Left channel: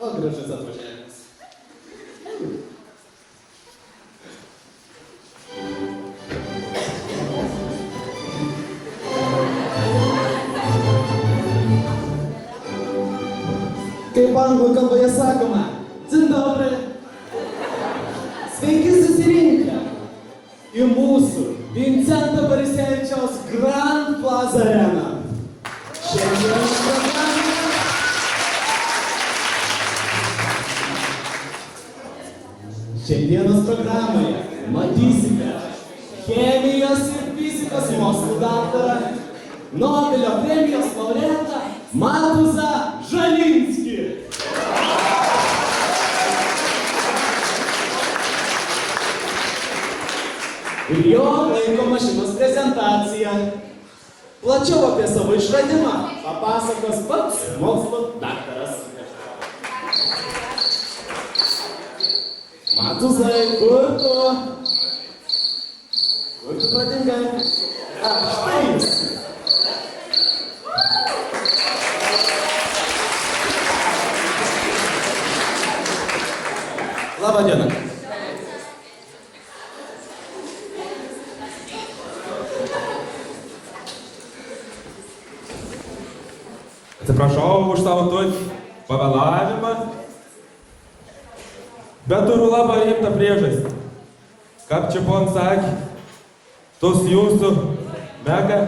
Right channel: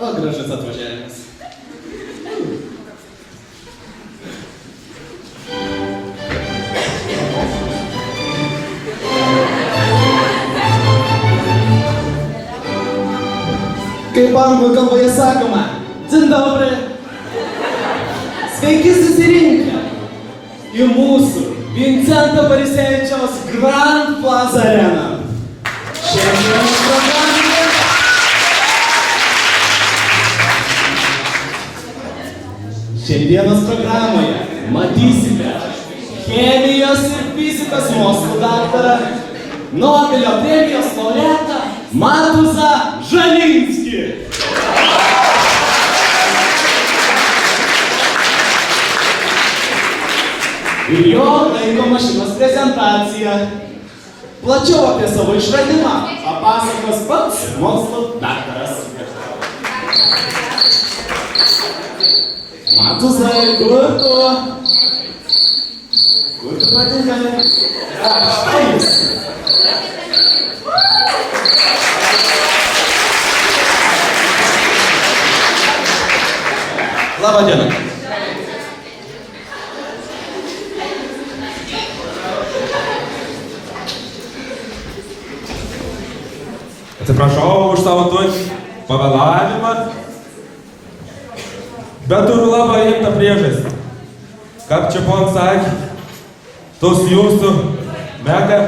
O, grażyca atvažiavimas. Kaip anglų kalboje sakoma, dzień dobry. Sveiki susirinkę į mūsų Vincento Borisevičiaus Grand Plaza Arena. Šiandienos programoje matysite chemijos ir fizikos mokslų daktarą, Nobelio premijos laureatą Matuzą Žalinskį. Ir jo laiko mašinos prezentaciją. Plačiau apie savo išradimą papasakos pats mokslo daktaras. Matuzai, kur tu? Kur tu patinkai? Štai jis. Labą dieną. Atsiprašau už savo tokį pavėlavimą, bet turiu labai rimtą priežastį. Kaip čia pon sakė, tos jūsų Mega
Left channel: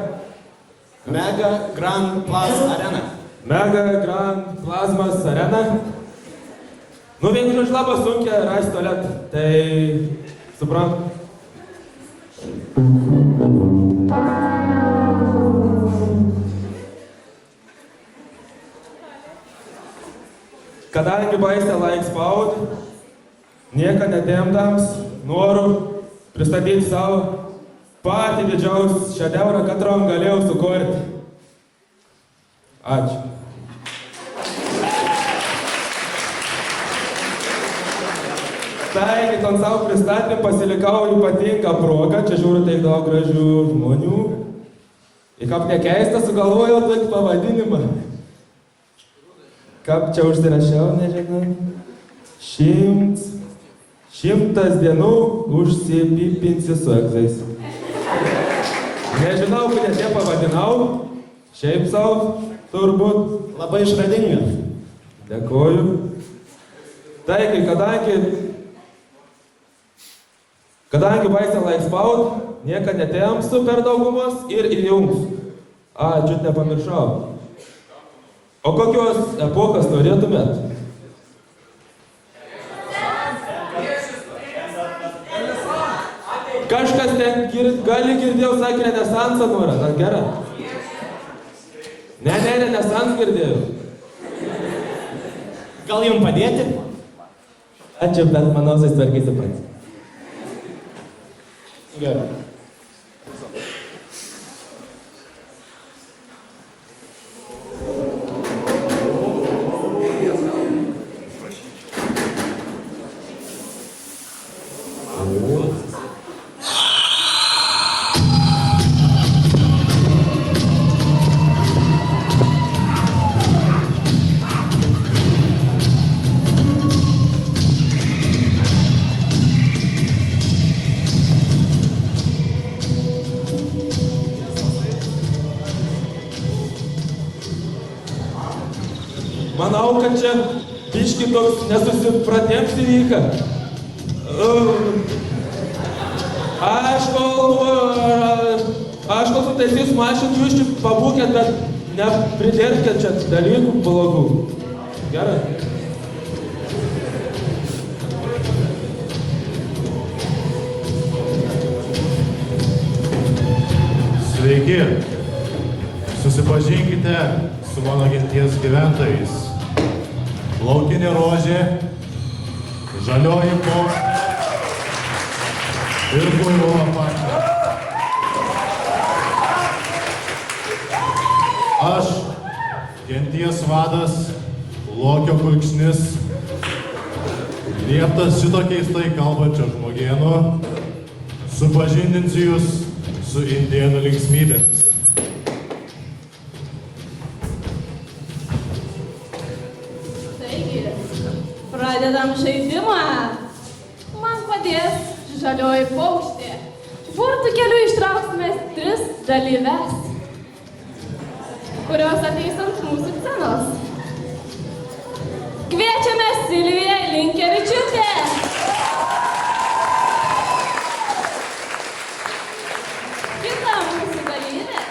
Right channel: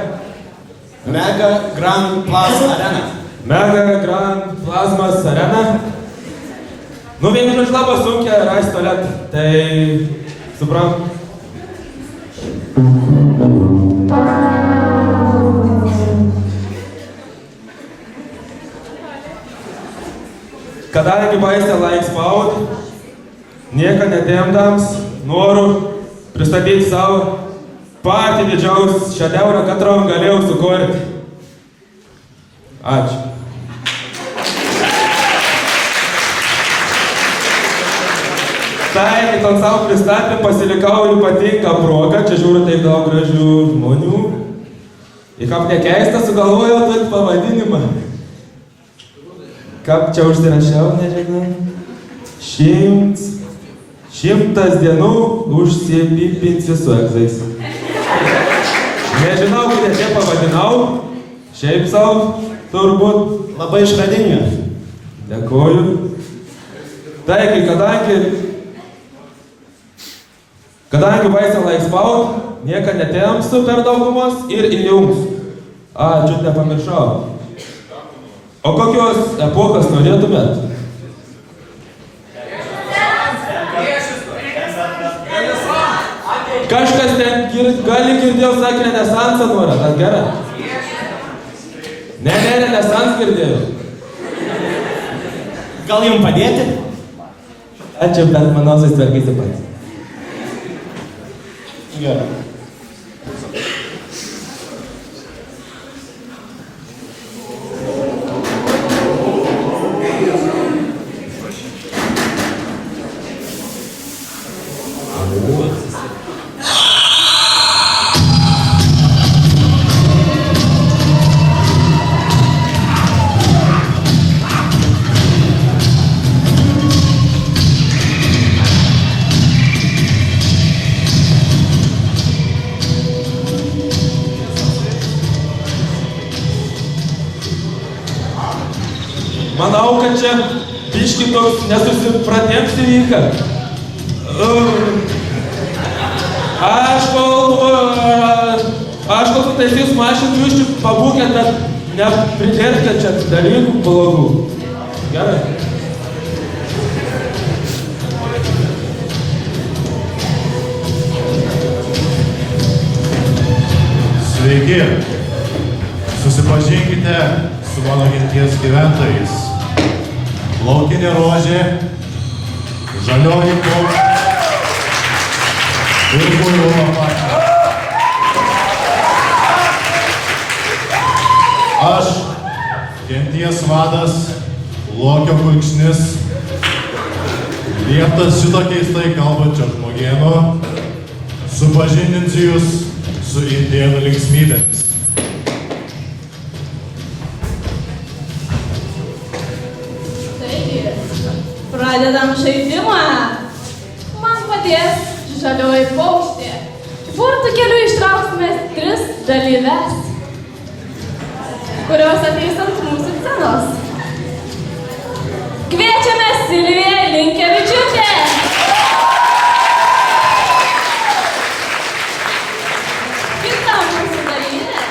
Grand Plaza Arena. Mega Grand Plazmas Arena. Nu, vienu žodžiu labai sunkia rasti tualetą, tai suprantu. Kadangi baisė laik spaudį, nieko netemdams, noriu pristatyti savo patį didžiausią šedevrą, katrom galėjau sukurti. Ačiū. Tai, ton savo pristatymą pasilikau ypatingą progą, čia žiūriu taip daug gražių žmonių. Ir kaip nekeista, sugalvojau tokį pavadinimą. Kaip čia užsirašiau, nežinau. 100 dienų užsipipinsi su egzais. Nežinau, kurie čia pavadinau. Šiaip savo, turbūt. Labai išradinga. Dėkoju. Taigi, kadangi baisė laik spaud, nieko netempsiu per daugumos ir įjungsiu. Čiut nepamiršau. O kokios epochos norėtumėt? Kažkas ten gali girdėjau, sakė, renesansą norą, ar gerai? Ne, renesans girdėjau. Gal jums padėti? Ačiū, bet manau, susitvarkysi pats. Gerai. manau, kad čia biški toks nesusipratėms įvyka. Aš kol sutaisysiu mašinų, jūs čia pabūkėt, bet nepridėtkit čia dalykų blogų. Gerai? Sveiki! Susipažinkite su mano genties gyventojais. Laukinė rožė, žalioji paukštė ir buivola pačia. Aš, genties vadas, Lokio kulkšnis, lieptas šito keistai kalbančio žmogieno, supažindinsiu jūs su indėnų linksmybėmis. Taigi, pradedam žaidimą. Man padės žalioji paukštė. Burtų keliu ištrauksime 3 dalyves, kurios ateis ant mūsų scenos. Kviečiame Silviją Linkevičiūtę. Kita mūsų dalyvė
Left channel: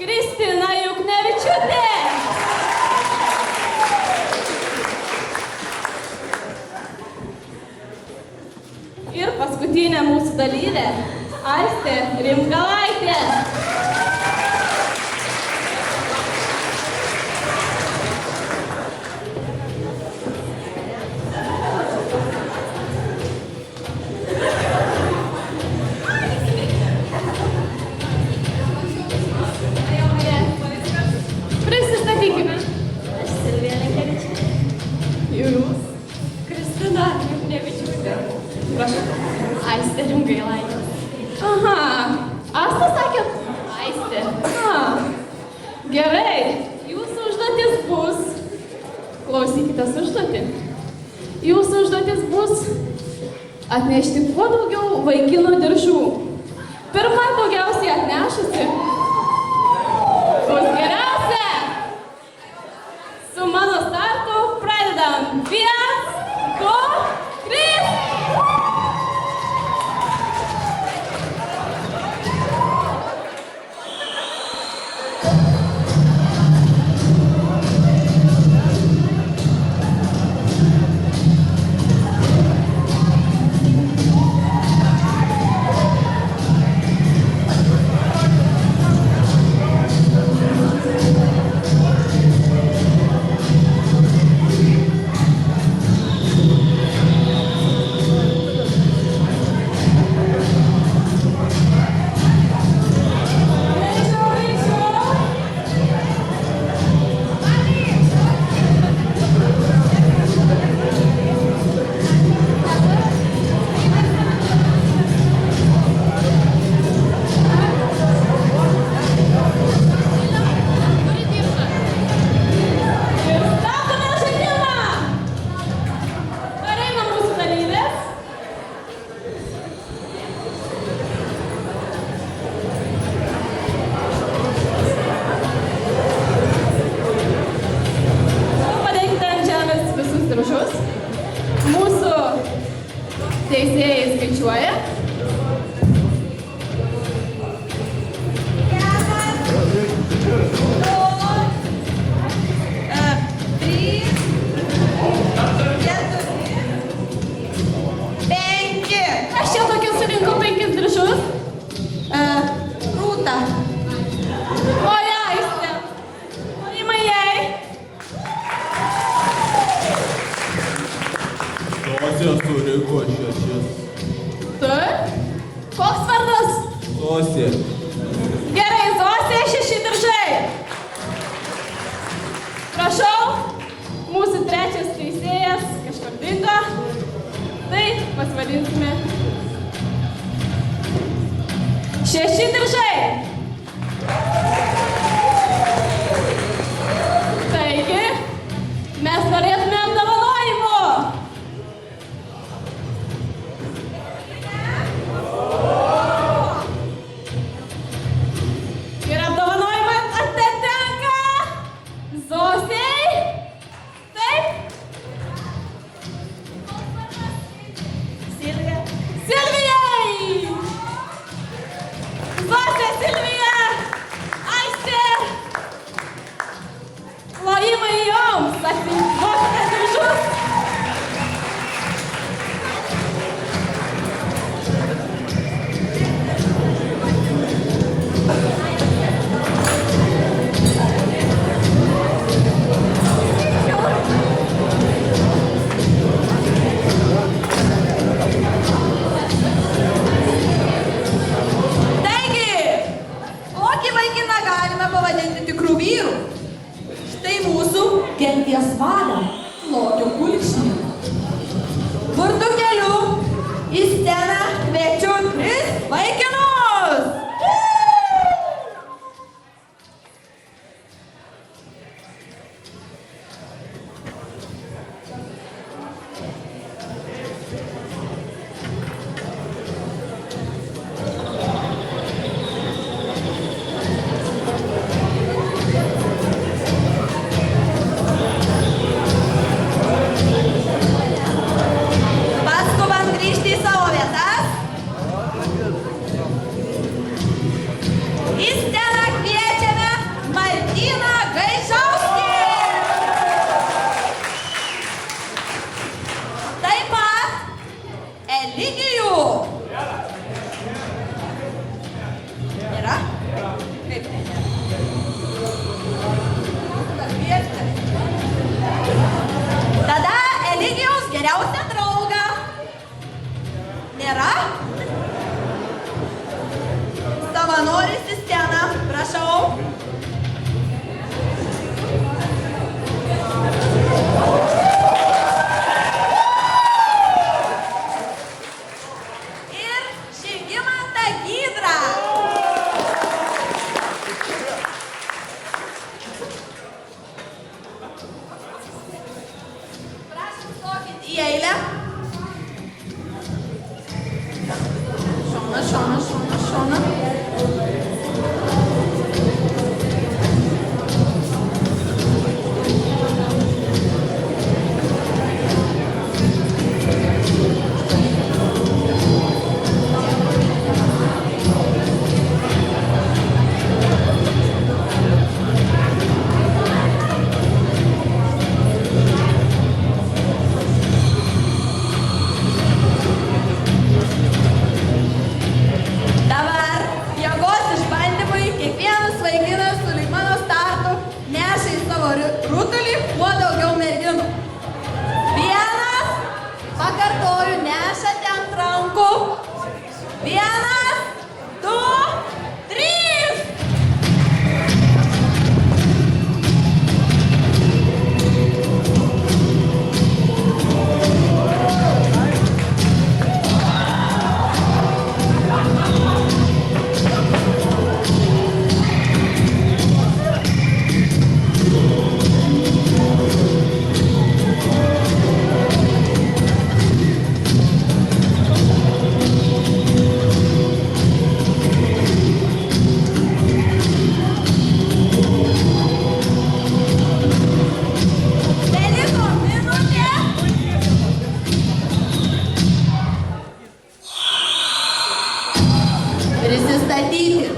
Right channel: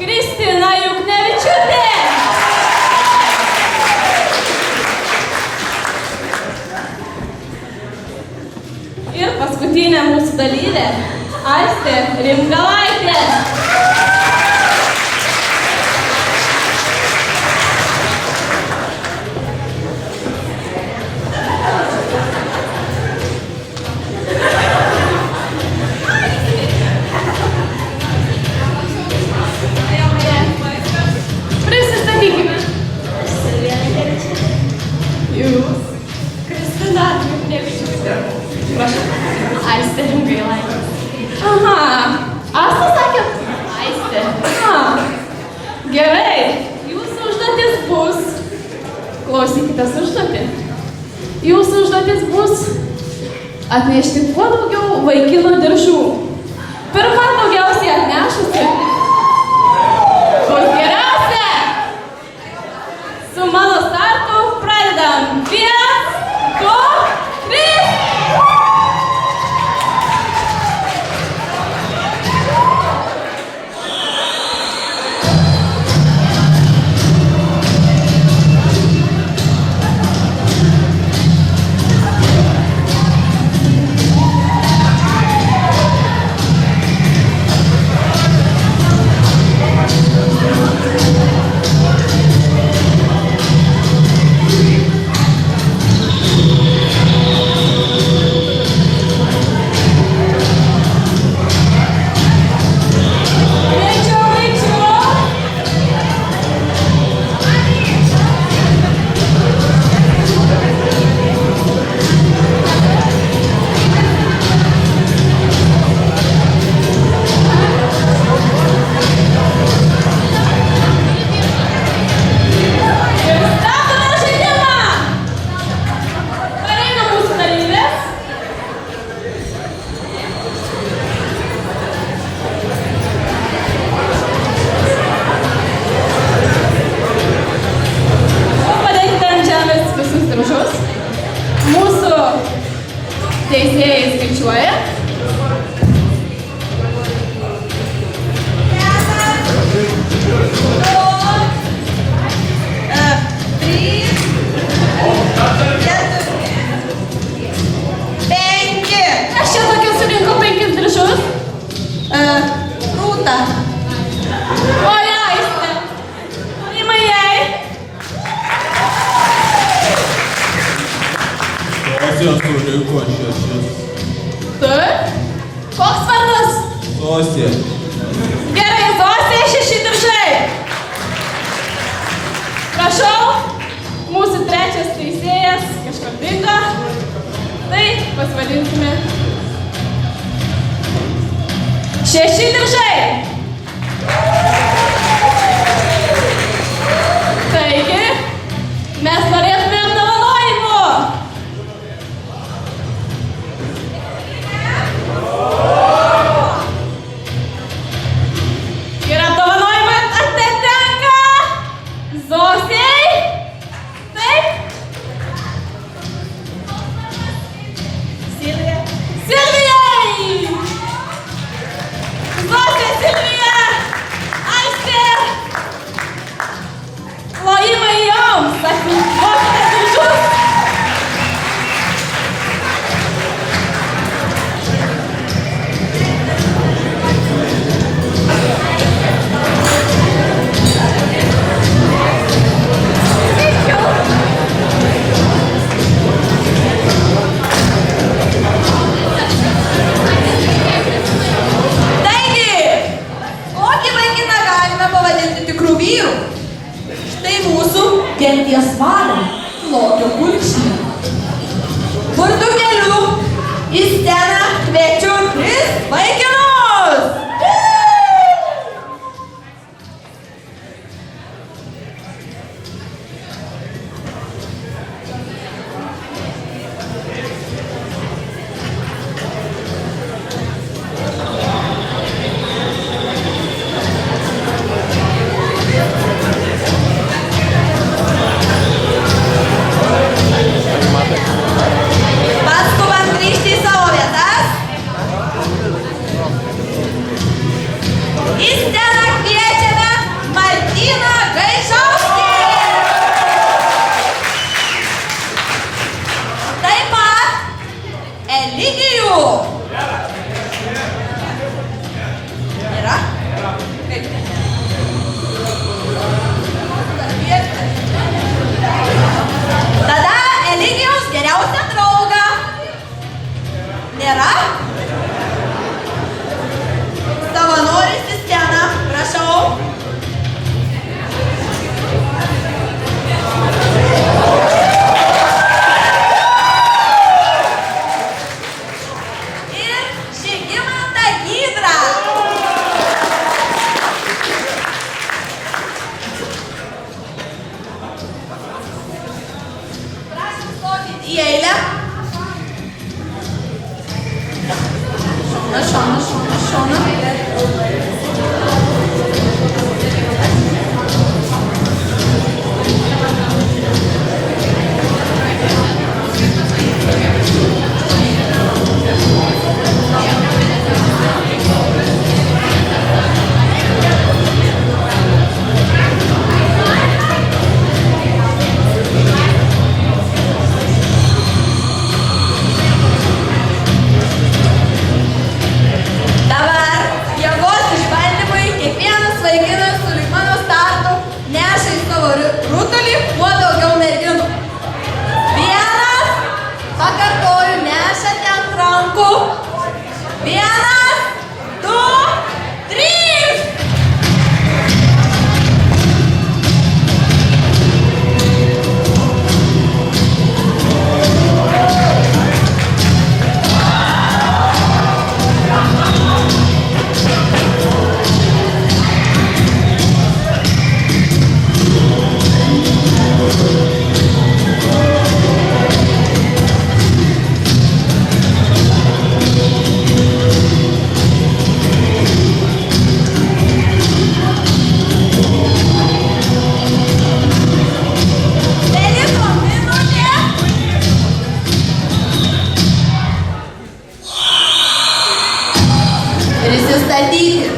Kristina Juknevičiūtė. Ir paskutinė mūsų dalyvė Aistė Rimgalaitė. Prisistatykime. Aš Silvija Linkevičiūtė. Jūs. Kristina Juknevičiūtė. Prašau. Aistė Rimgailaitė. Aha. Asta sakėt? Aistė. Gerai. Jūsų užduotis bus. Klausykitės užduotį. Jūsų užduotis bus atnešti kuo daugiau vaikinų diržų. Pirma daugiausiai atnešusi bus geriausia. Su mano startu pradedam. 1, 2, 3. Mūsų teisėjai skaičiuoja. Aš čia tokia surinkau 5 diržus. Rūta. O Aistė. Rima jai. Sosė surinko 6. Taip. Koks vardas? Sosė. Gerai, Zosė, 6 diržai. Prašau, mūsų trečias teisėjas kažkur dingo. Tai pasivadinsime 6 diržai. Taigi, mes norėtume apdovanojimų. Ir apdovanojimai atitenka genties vadą Lokio Kulkšnį. Vardu keliu į sceną kviečiu 3 vaikinus. Paskubant grįžti į savo vietas. Į sceną kviečiame Martyną Gaižauskį. Taip pat Eligijų. Yra? Kaip ne? Tada Eligijaus geriausią draugą. Nėra? Savanoris į sceną, prašau. Ir Žygimantą Gydrą. Prašom stokit į eilę. Šona. Dabar jėgos išbandymui kiekvienas vaikinas sulig mano startu neša į savo rutulį kuo daugiau merginų. Vienas, pakartoju, nešate ant rankų. 1, 2, 3. Beliko minutė. Prisistatyti.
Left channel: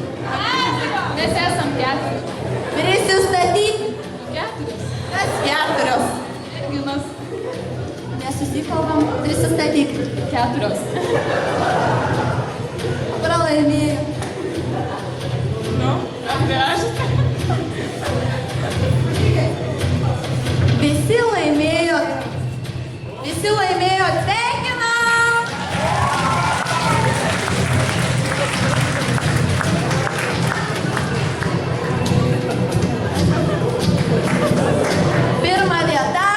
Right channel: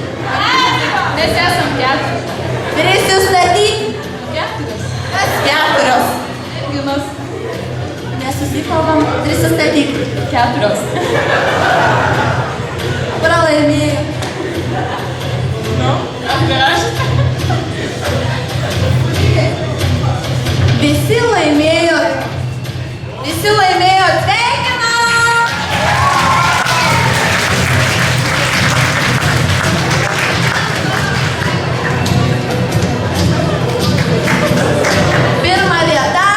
Mes esam 4. Prisistatyti. 4. Kas 4? Merginos. Nesusikalbam, prisistatyk. 4. Pralaimėjau. Nu, aš. Visi laimėjot. Sveikinam! Pirma vieta.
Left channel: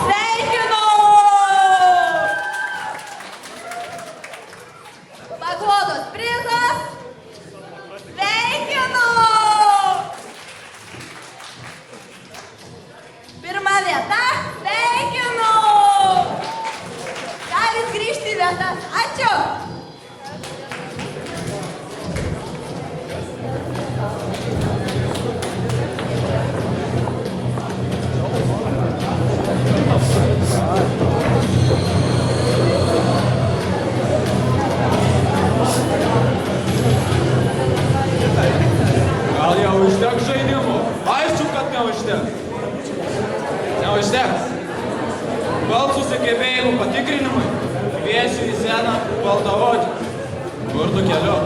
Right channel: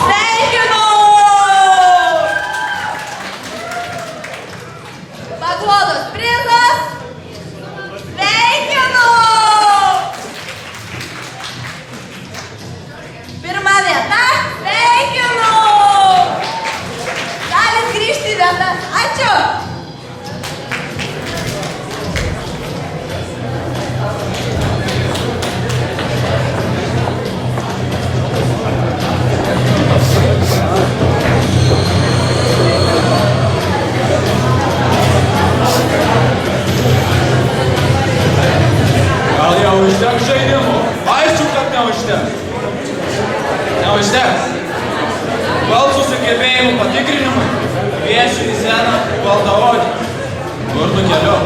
Sveikinu! Paguodos prizas. Sveikinu! Pirma vieta. Sveikinu! Galit grįžti į vietas. Ačiū! Gal jau užteks žaidimų? Aišku, kad neužteks. Neužteks. Balsų sugebėjimų patikrinimai kviesiu į sceną baltaodį. Vardu keliu.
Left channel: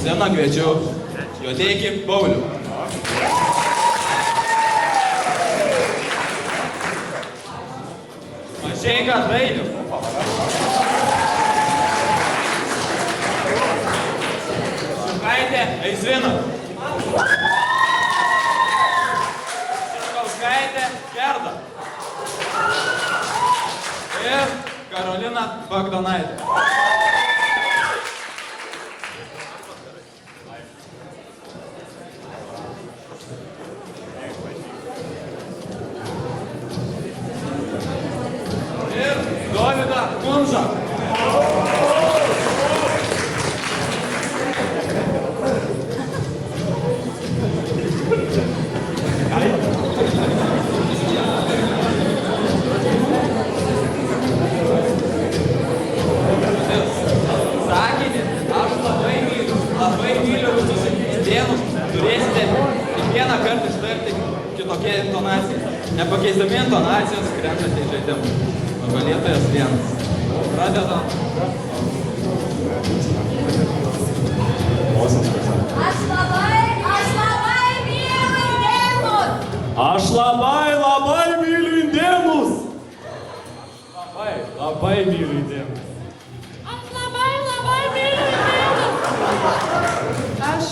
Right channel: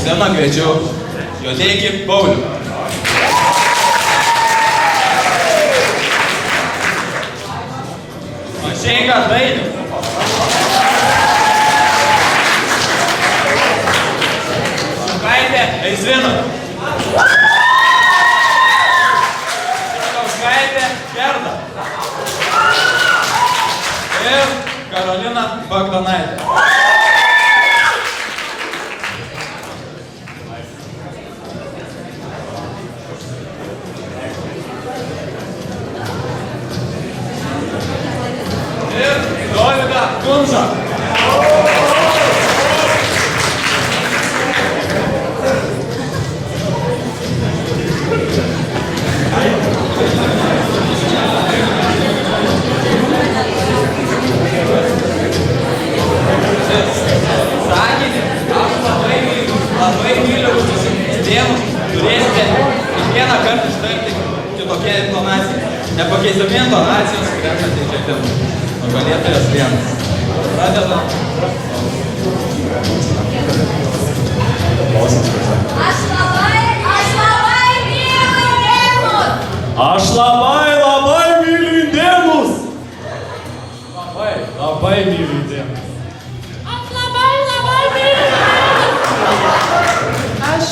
Sceną kviečiu Juodeikį Paulių. Mažeika Dainius. Šukaitė Eizvina. Kauskaitė Gerda. Ir Karolina Bagdonaitė. Ir Dovida Kunža. Sakinį, aš labai myliu visus indėnus, turėsite kiekvieną kartą ištarti kitokią intonaciją. Nepakeisdami intonacijos, krentate į žaidimą. Nugalėtojas vienas. Pradedam. Aš labai myliu indėnus. Aš labai myliu indėnus. Labai myliu indėnus. Aš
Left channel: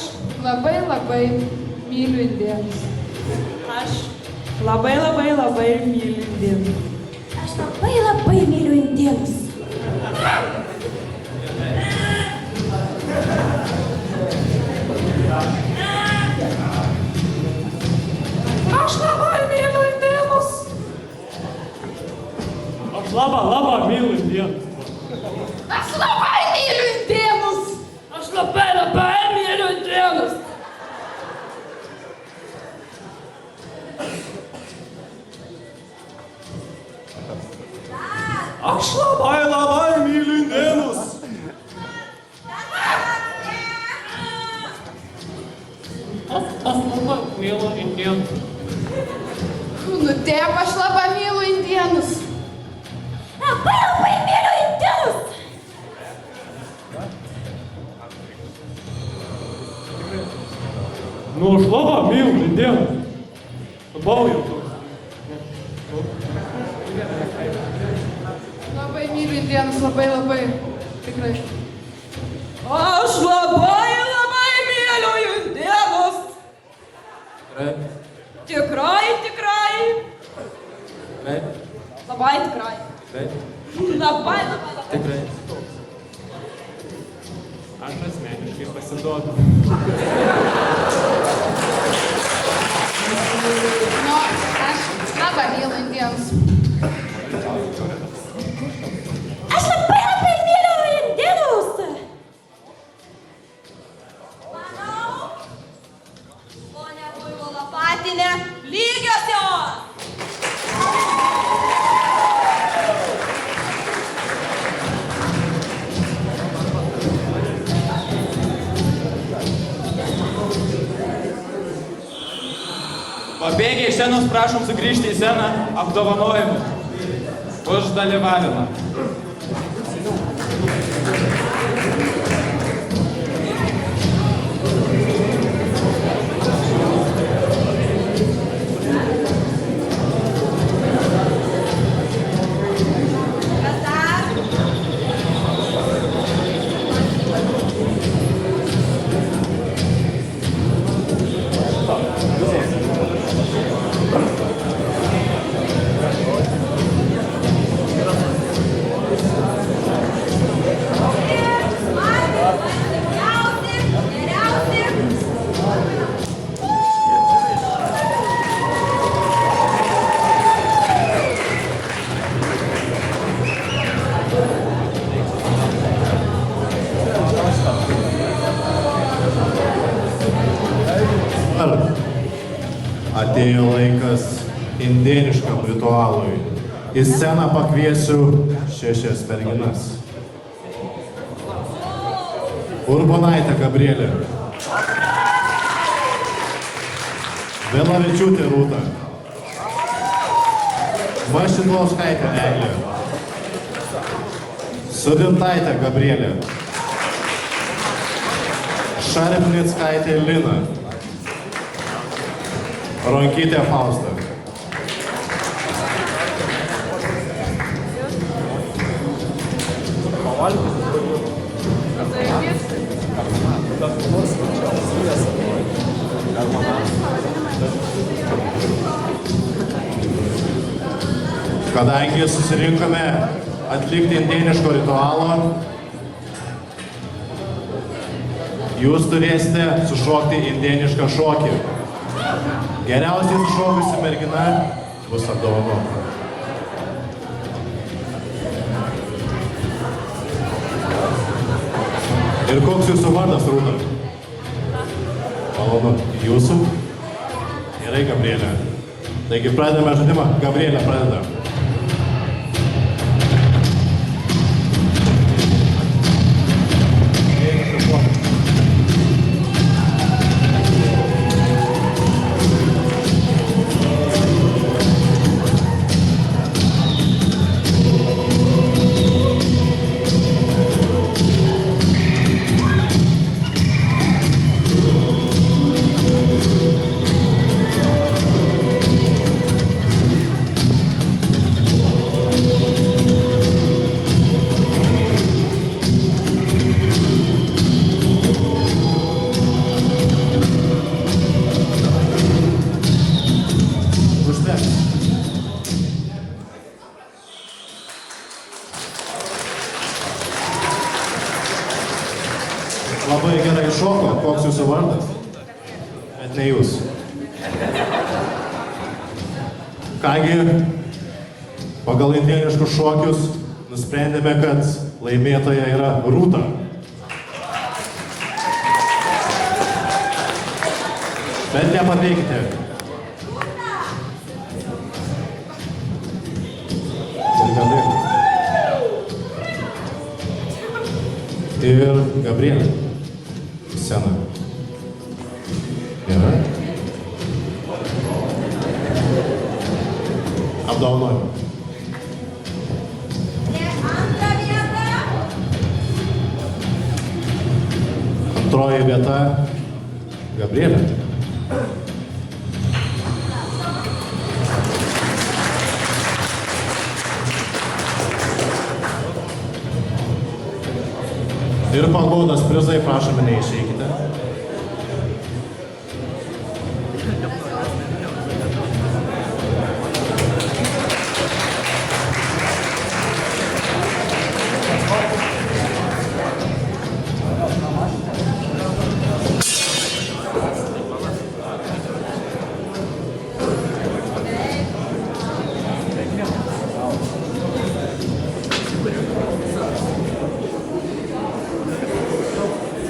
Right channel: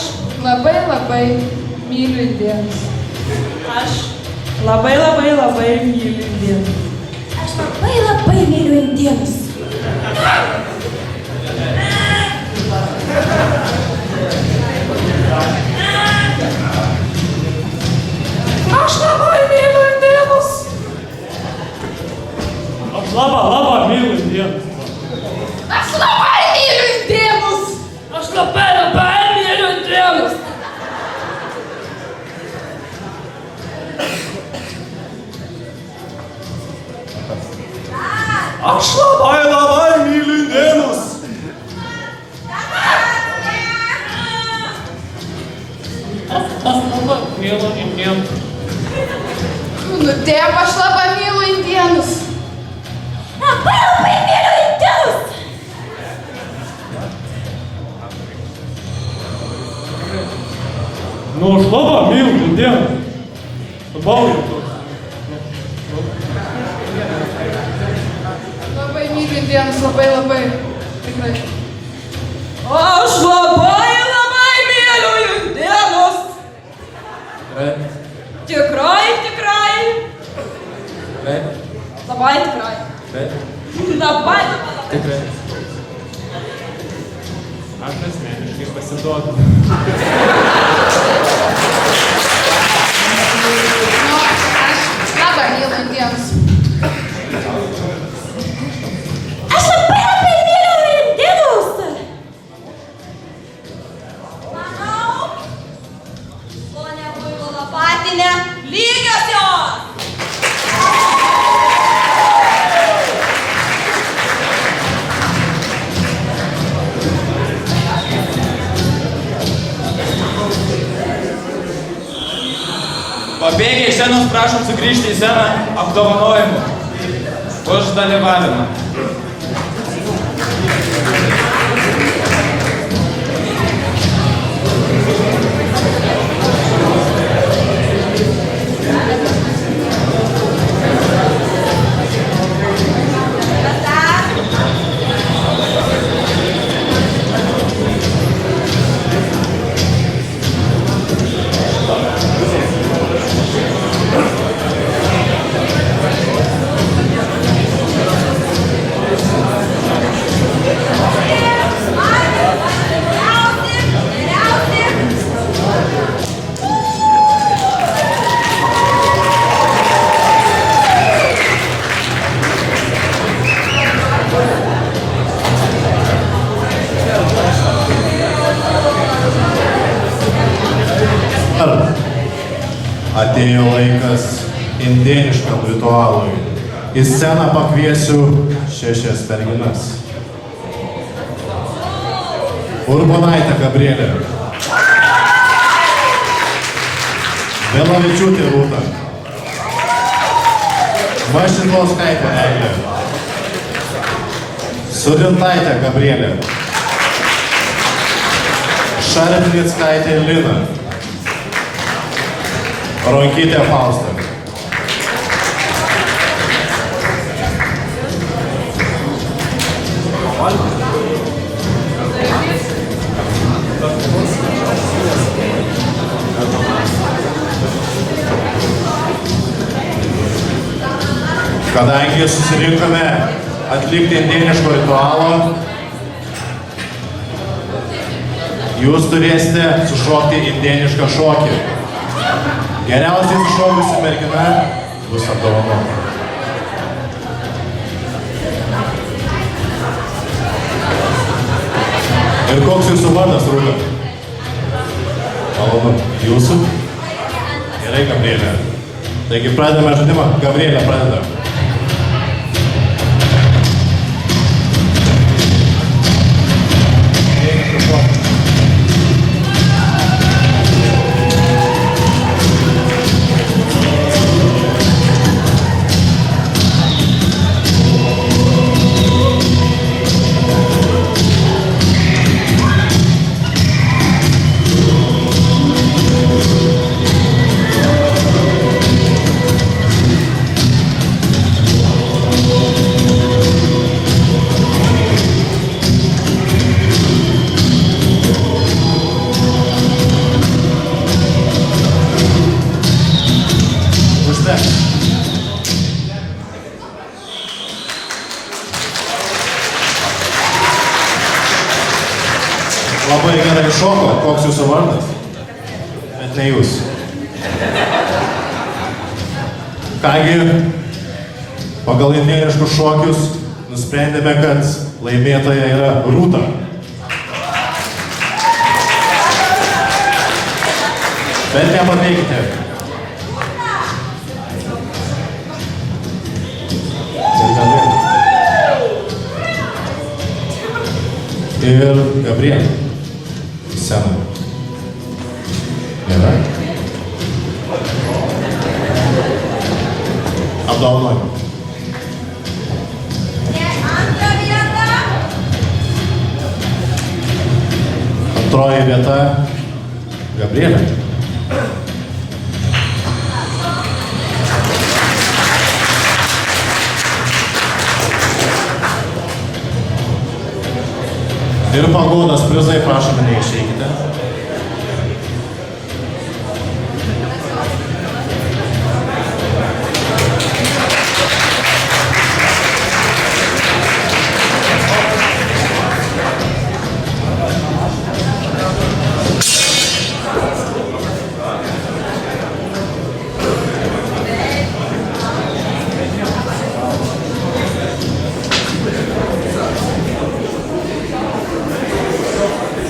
labai myliu indėnus. Aš labai myliu indėnus. Aš labai myliu indėnus. Aš labai myliu indėnus. Aš labai myliu indėnus. Aš labai myliu indėnus. Aš labai myliu indėnus. Aš labai myliu indėnus. Aš labai myliu indėnus. Myliu indėnus. Nu, tėv, aš labai myliu indėnus. Labai myliu indėnus. Nu, aš labai myliu indėnus. Labai jau toks. Labai myliu indėnus, labai. Tikrai. Aš labai myliu indėnus. Tikrai. Labai tikrai. Labai. Tikrai. Aš asmeniškai pasiduodu. Nu, aš labai myliu indėnus. Aš labai myliu indėnus. Manau, ponia Buivolo patinė, lygios jos. Pabėgę iš scenos prašom sugrįžti į sceną apdovanojimu už dalyvavimą. Atėjo laikas indėniškam ritualui. Į sceną pakviesiu 6 merginas. Urbonaitė Gabrielė. Vėlavičiūtė Rūta. Vašidlauskaitė Eglė. Sudintaitė Gabrielė. Šarpnickaitė Lina. Ronkytė Fausta. Kadangi susirinkome atlikti indėniško ritualo, jūs turėsite sušokti indėnišką šokį. Geriausiai sušokusi mergina bus apdovanota. Ir koks jūsų vardas, Rūta? Malonu. Jūsų? Gerai, Gabrielė. Taigi pradedame žaidimą. Gabrielė pradeda. Labai gerai šoko, koks jūsų vardas? Bet ne jūs. Kągi, pagal indėniškus šokius nusprendėme, kad laimėtoja yra Rūta. Bet nepaveikite. Ir Gabrielė. Sena. Gerai. Apdovanojimą. Antra vieta. Antroji vieta Gabrielė. Ir pagodas prizai, prašome, neišeikite.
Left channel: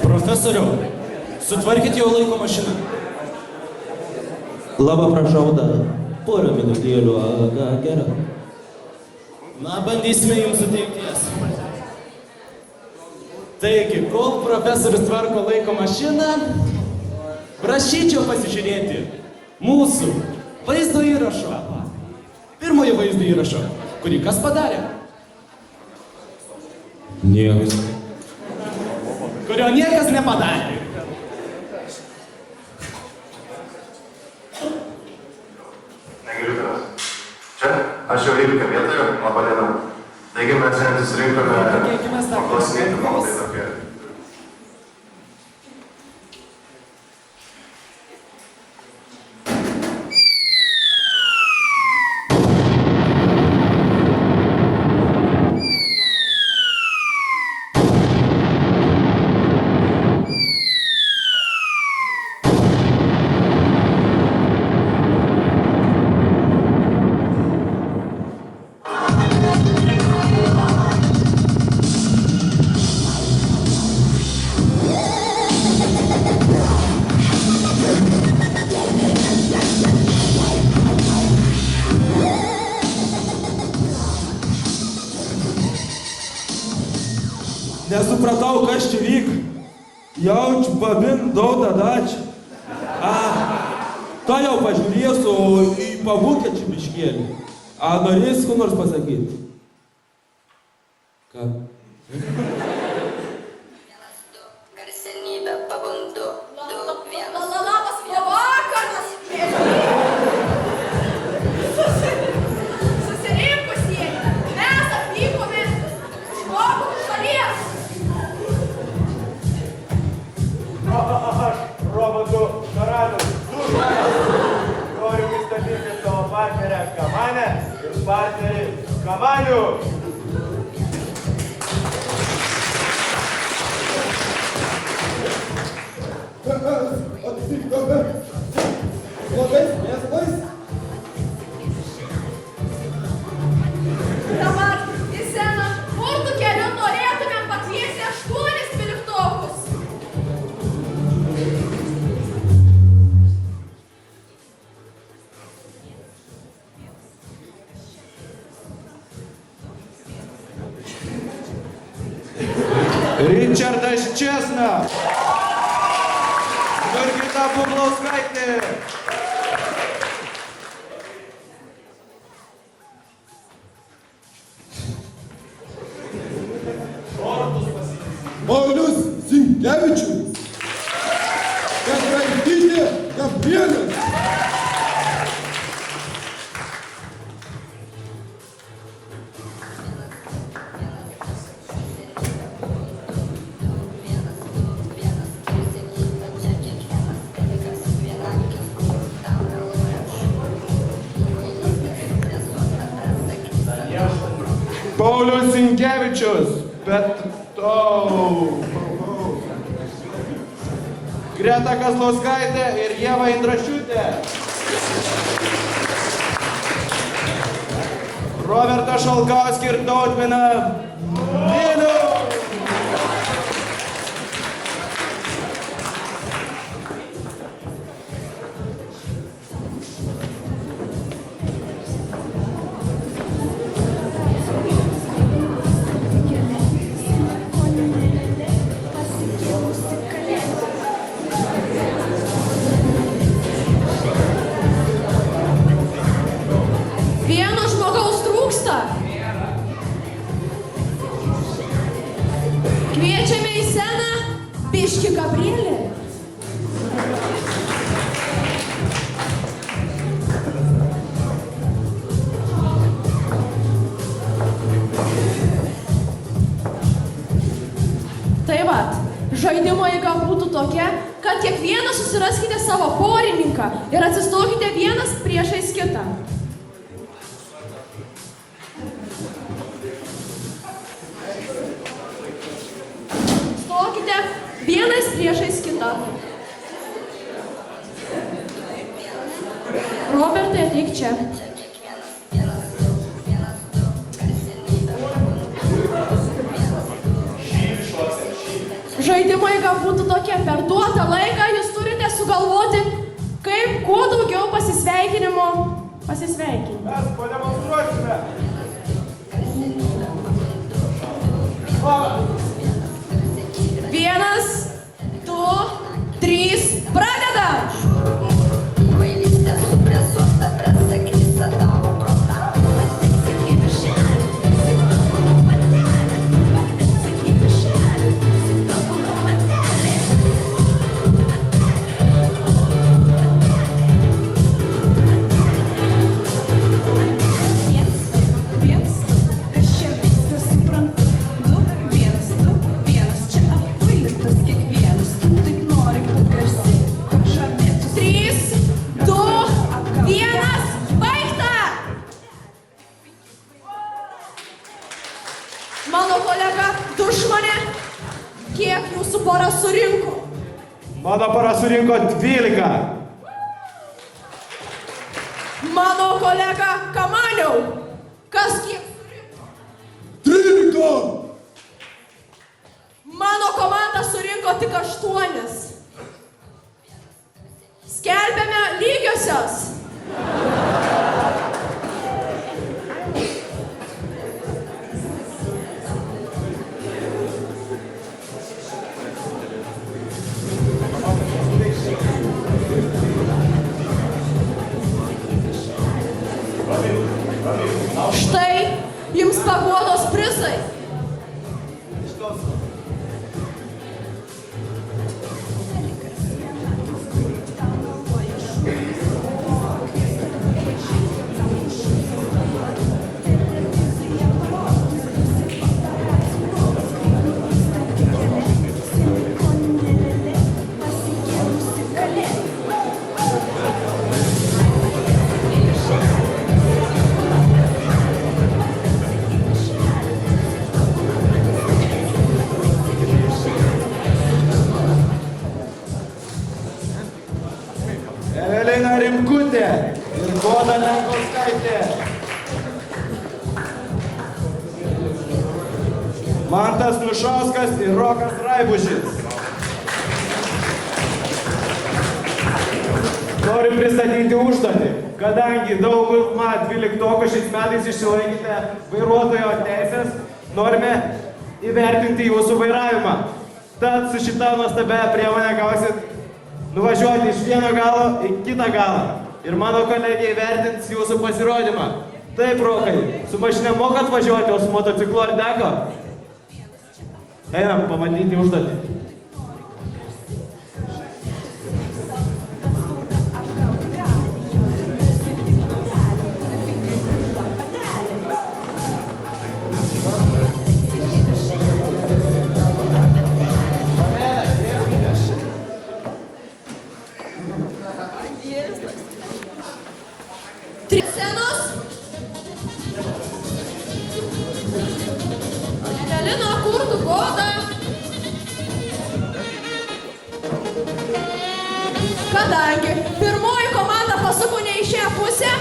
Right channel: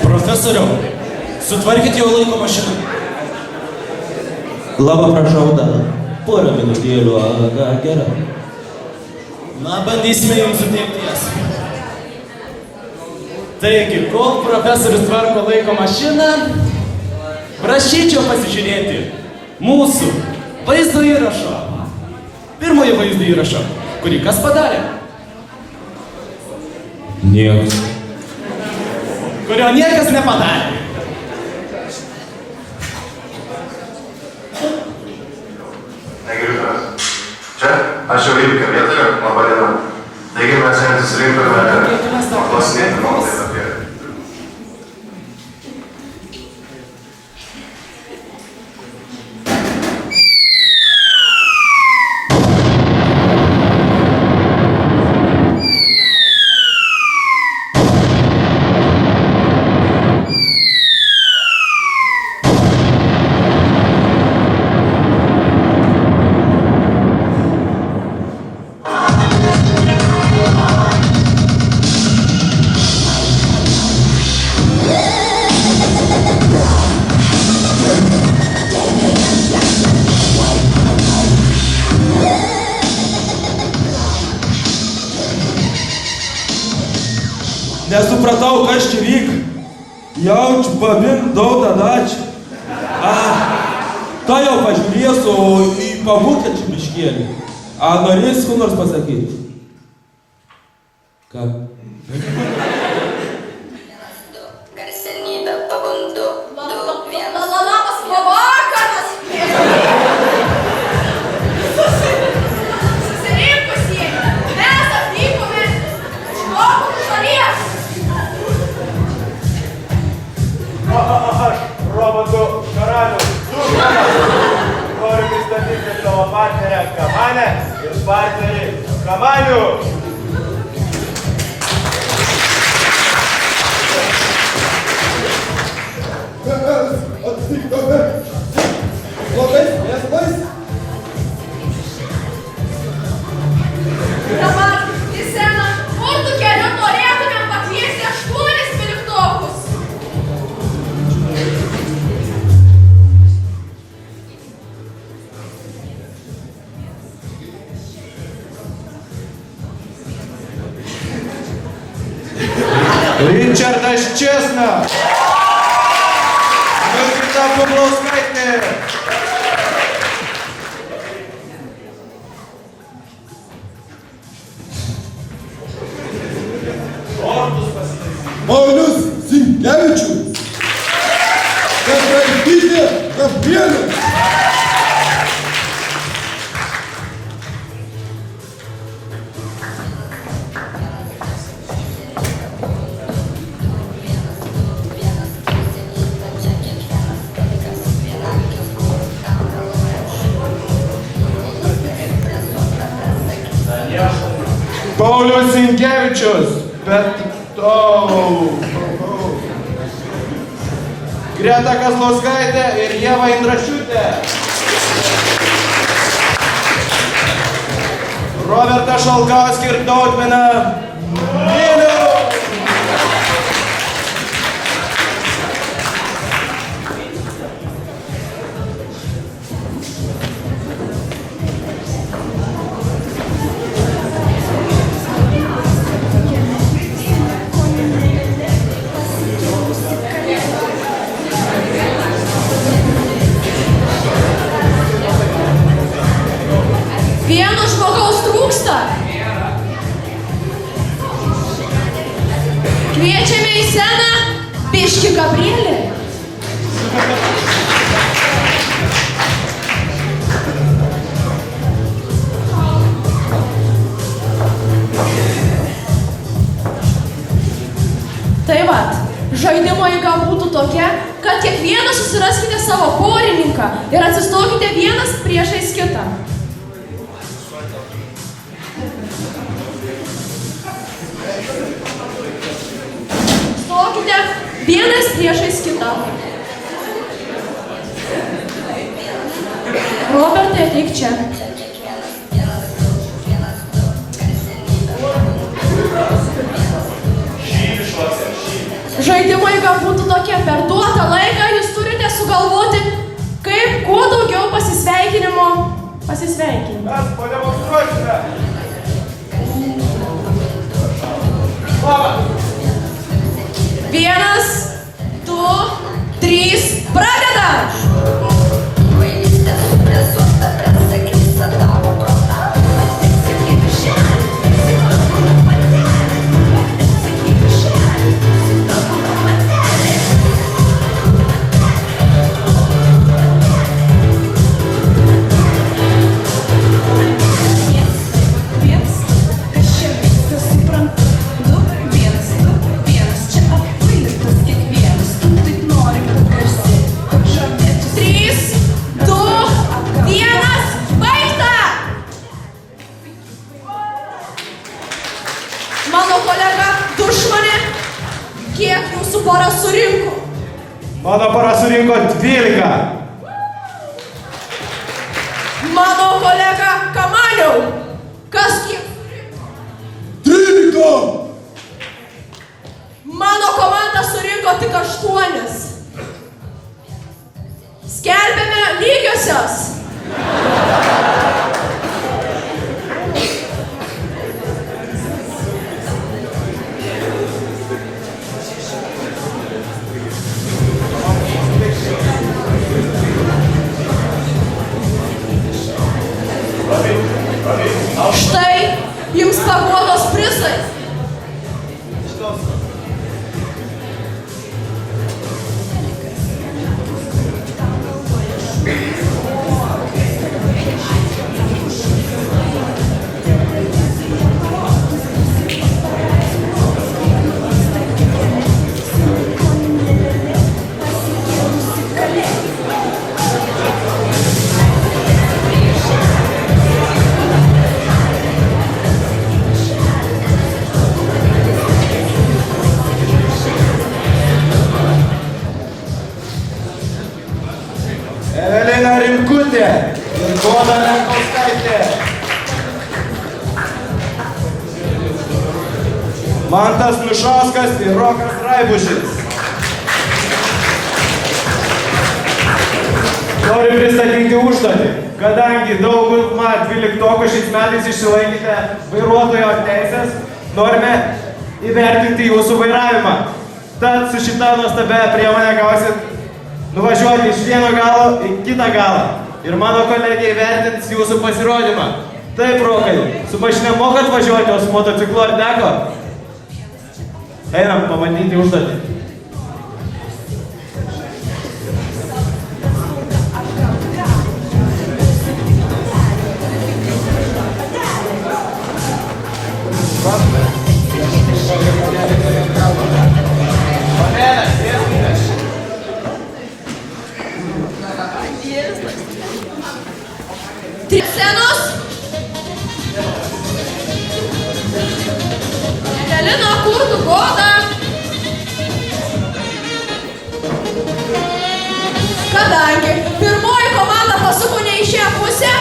Profesoriau, sutvarkit jau laiko mašiną. Labą prašau dar. Porą minutėlių, gerai. Na, bandysime jums suteikti jas. Taigi, kol profesorius tvarko laiko mašiną, prašyčiau pasižiūrėti mūsų vaizdo įrašo. Pirmojo vaizdo įrašo, kurį kas padarė? Niekas. Kurio niekas nepadarė. Negirtas. Čia aš jau įvykio vietoje, laba diena. Taigi mes šiandien susirinkome paklausinėti nuomonės apie. Nesupratau, kas čia vyk. Jaučiu, babim, daug dadačių. Ta jau pažiūrėsiu į pabūkę čia biškėlį. Norėsi ko nors pasakyti? Ką? Garsenybė pabundu. Labas vakaras. Susirinkusieji, mes atvykome iš Europos šalies. Kamanė ir partneriai. Kamanių. Blogai, mes bais. Dabar į sceną burtų keliu norėtumėm pakviesti 8 dvyliktokus. Richardas Česna. Jurgita Bublauskaitė. Paulius Sinkevičius. Petraitytė Gabrielė. Paulius Sinkevičius. Greta Kazlauskaitė ir Ieva Indrašiūtė. Robertas Šalkauskis ir Tautmina Milių. Vieno žmogaus trūksta. Kviečiame į sceną Biškį Gabrielį. Tai vat, žaidimo eiga būtų tokia, kad kiekvienas susiraskite savo porininką ir atsistokite vienas priešais kitą. Stokite vienas priešais kitą. Robertai, ateik čia. Žaidimo eiga būtų tokia, per duotą laiką jūs turite sugalvoti, kaip kuo daugiau pasisveikinimo pasisveikinti. Mes pademonstruosime. Vienas, du, trys, pradedam! Mano kolega Dušmanė, kiek jūsų pora surinko? Mano pora surinko 12. Mano kolega Kamaniau, kas kiek surinko? 13. Mano komanda surinko tik 8. Skelbiame lygiosios. Štai jums paguodos prizai. Goda Lenkauskaitė. Mantas Nušauskas ir Rokas Raibušis. Noriu pristatyti užduotį. Kadangi daugumą 12-okų šiais metais išsilaikėte vairuotojo teisės, norime įvertinti jūsų vairavimą. Tad su šita nuostabia priemonė gausit nuvažiuoti iš vieno galo į kitą galą. Ir mano kolegė įvertins jūsų pasirodymą. Taip, Rokai, su mašina mokat važiuoti, o su motociklu ar teko? Einam pamatyti užduotį. Trys scenos. Evelina, kur tu, Goda? Kadangi pirmoji komanda pasuko ne į šią pusę,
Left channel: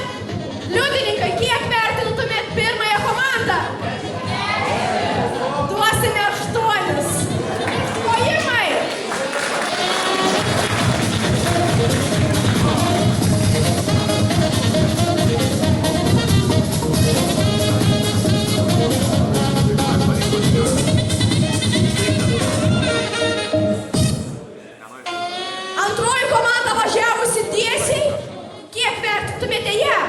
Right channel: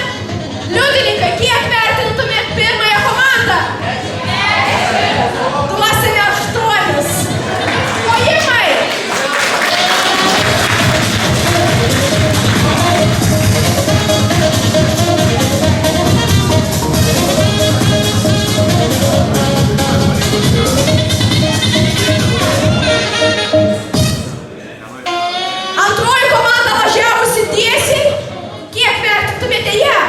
liudininkai, kiek vertintumėt pirmąją komandą? Duosime 8. Plojimai! Antroji komanda važiavusi tiesiai. Kiek vertintumėte ją?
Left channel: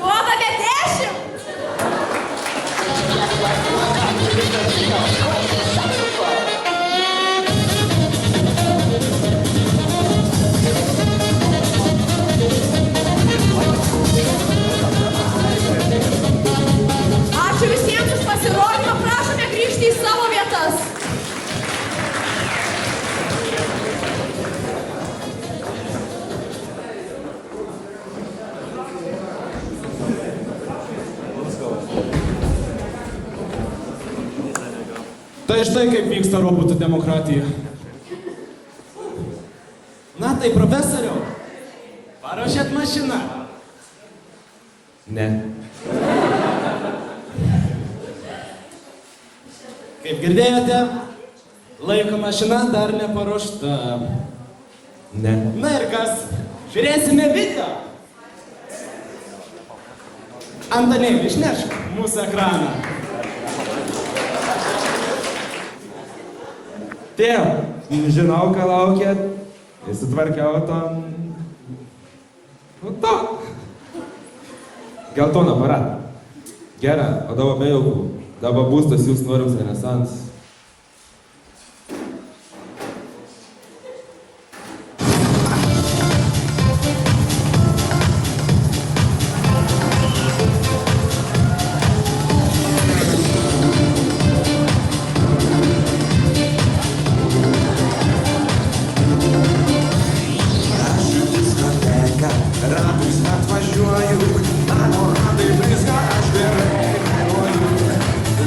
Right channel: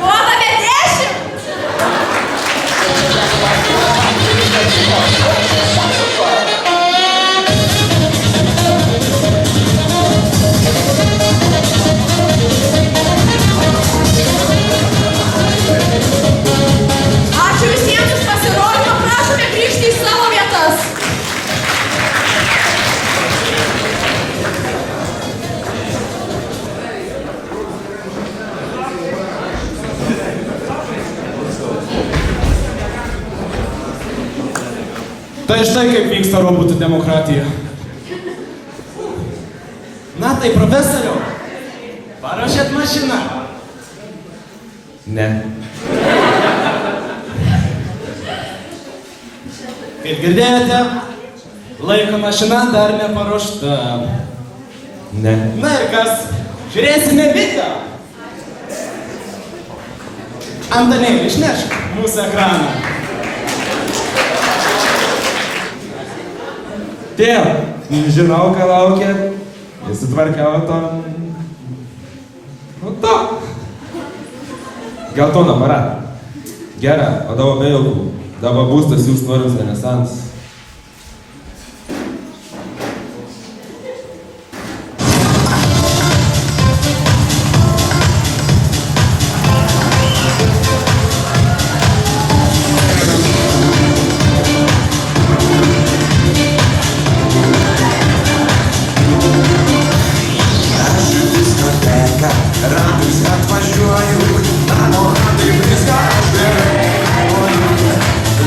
Duodame 10. Ačiū visiems už pasirodymą, prašome grįžti į savo vietas. Tai štai kaip vyksta robotų demokratija. Na tai, profesoriau, paruošėt mašiną? Ne. Kaip girdėjote, laiko mašina dar neparuošta. Ne. Na ir kas? Žiūrėsime video. Antanėlį, išnešk mūsų ekraną. Tėv, žinau, ką laukėt. Įsitvarkiau to. Nu to. Geltoną aparatą. Gerą, o dabar be jaukų. Dabar būstas jūs norims renesans. Ratais atvažiuoju, namo ratai blizga, aš gerai vairuoju.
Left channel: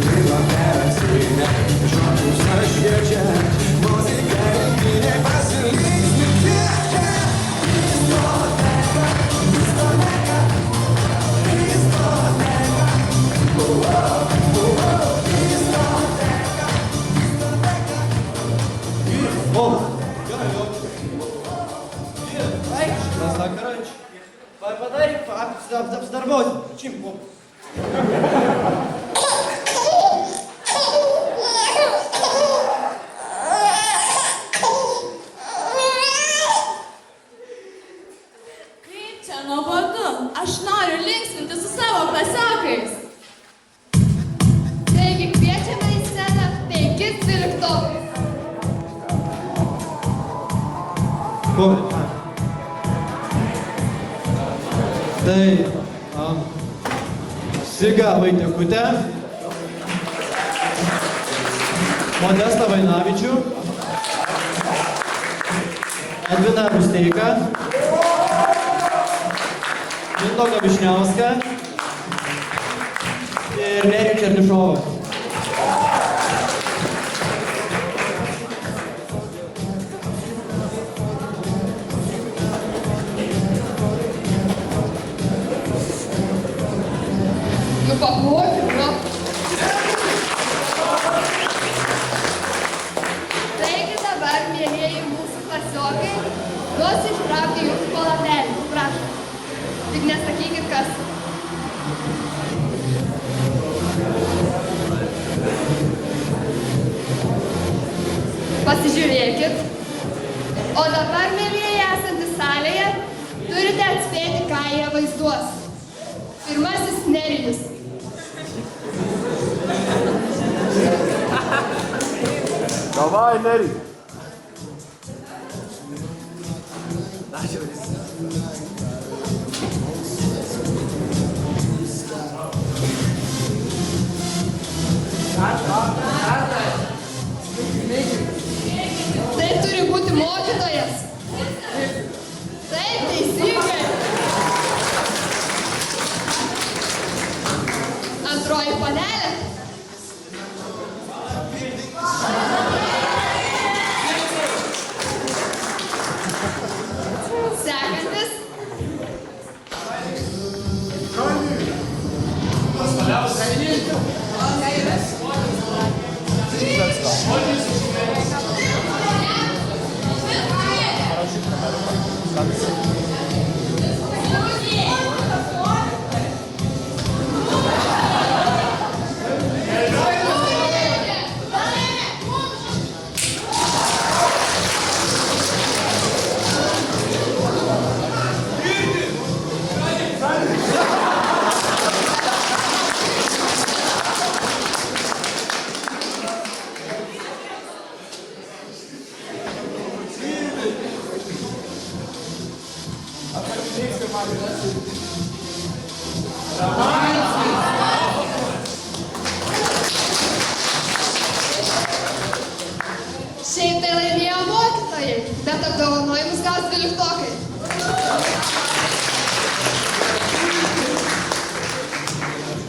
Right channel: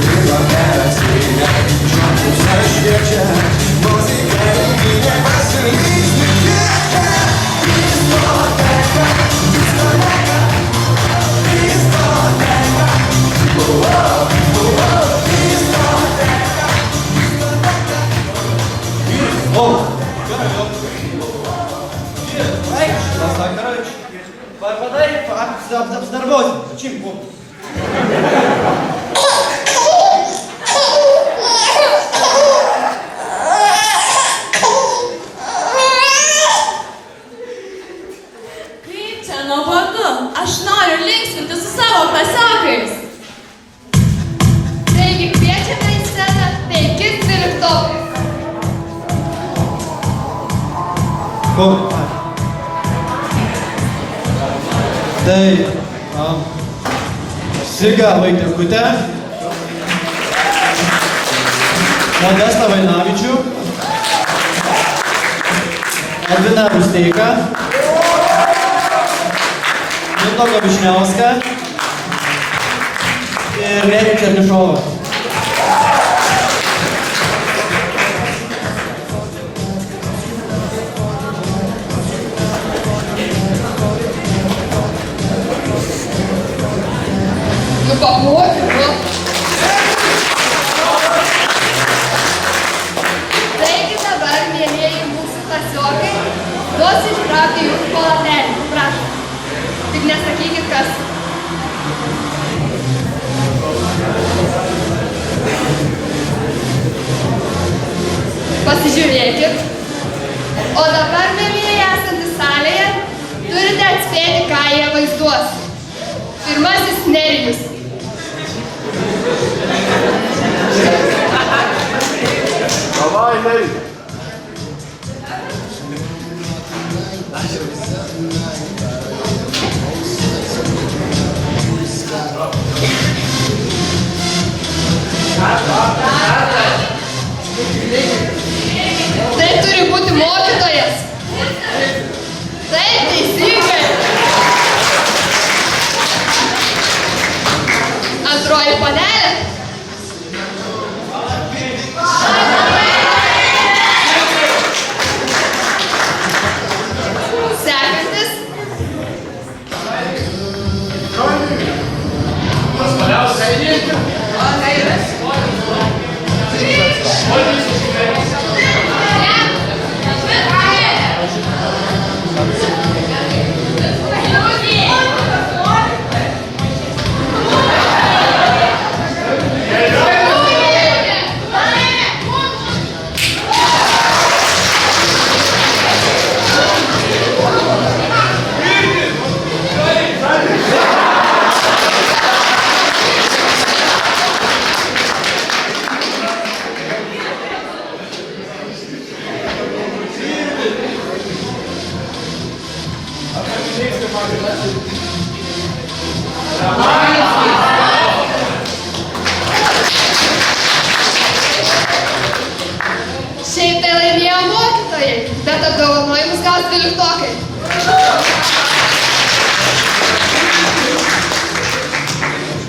Lygo perasynė, žmogus šviečia, muzika renginė pasilinksmi kviečia. Diskoteka, diskoteka, diskoteka, diskoteka, diskoteka. О, короче, подай обзорвать. Зачем? Kaip čia nuobodu? Aš noriu linksminti su savo klasiokais. Taigi kviečiame į sceną 5 12-okai. Tai Siga Vaitiekutė, Modestą Vainavičių, Edviną Rusteiką, Mindaugą Višniauską ir Nerijų Černišovą. Duosiu ištraukti jūsų palatelį. Prašom. Tik nesakykit, kas. Pasižiūrėkit. O dabar, mielieji esantys salėje, turite atspėti, ką jie vaizduos. Pirmasis Nerijus. Davai, Neri. Tai turi būti mokytojas. Taip, teisingai. Antroji panelė. Sekantis. Šiaip tai laimėjo mokytojai, bet apdovanojimus gaus 12-okai.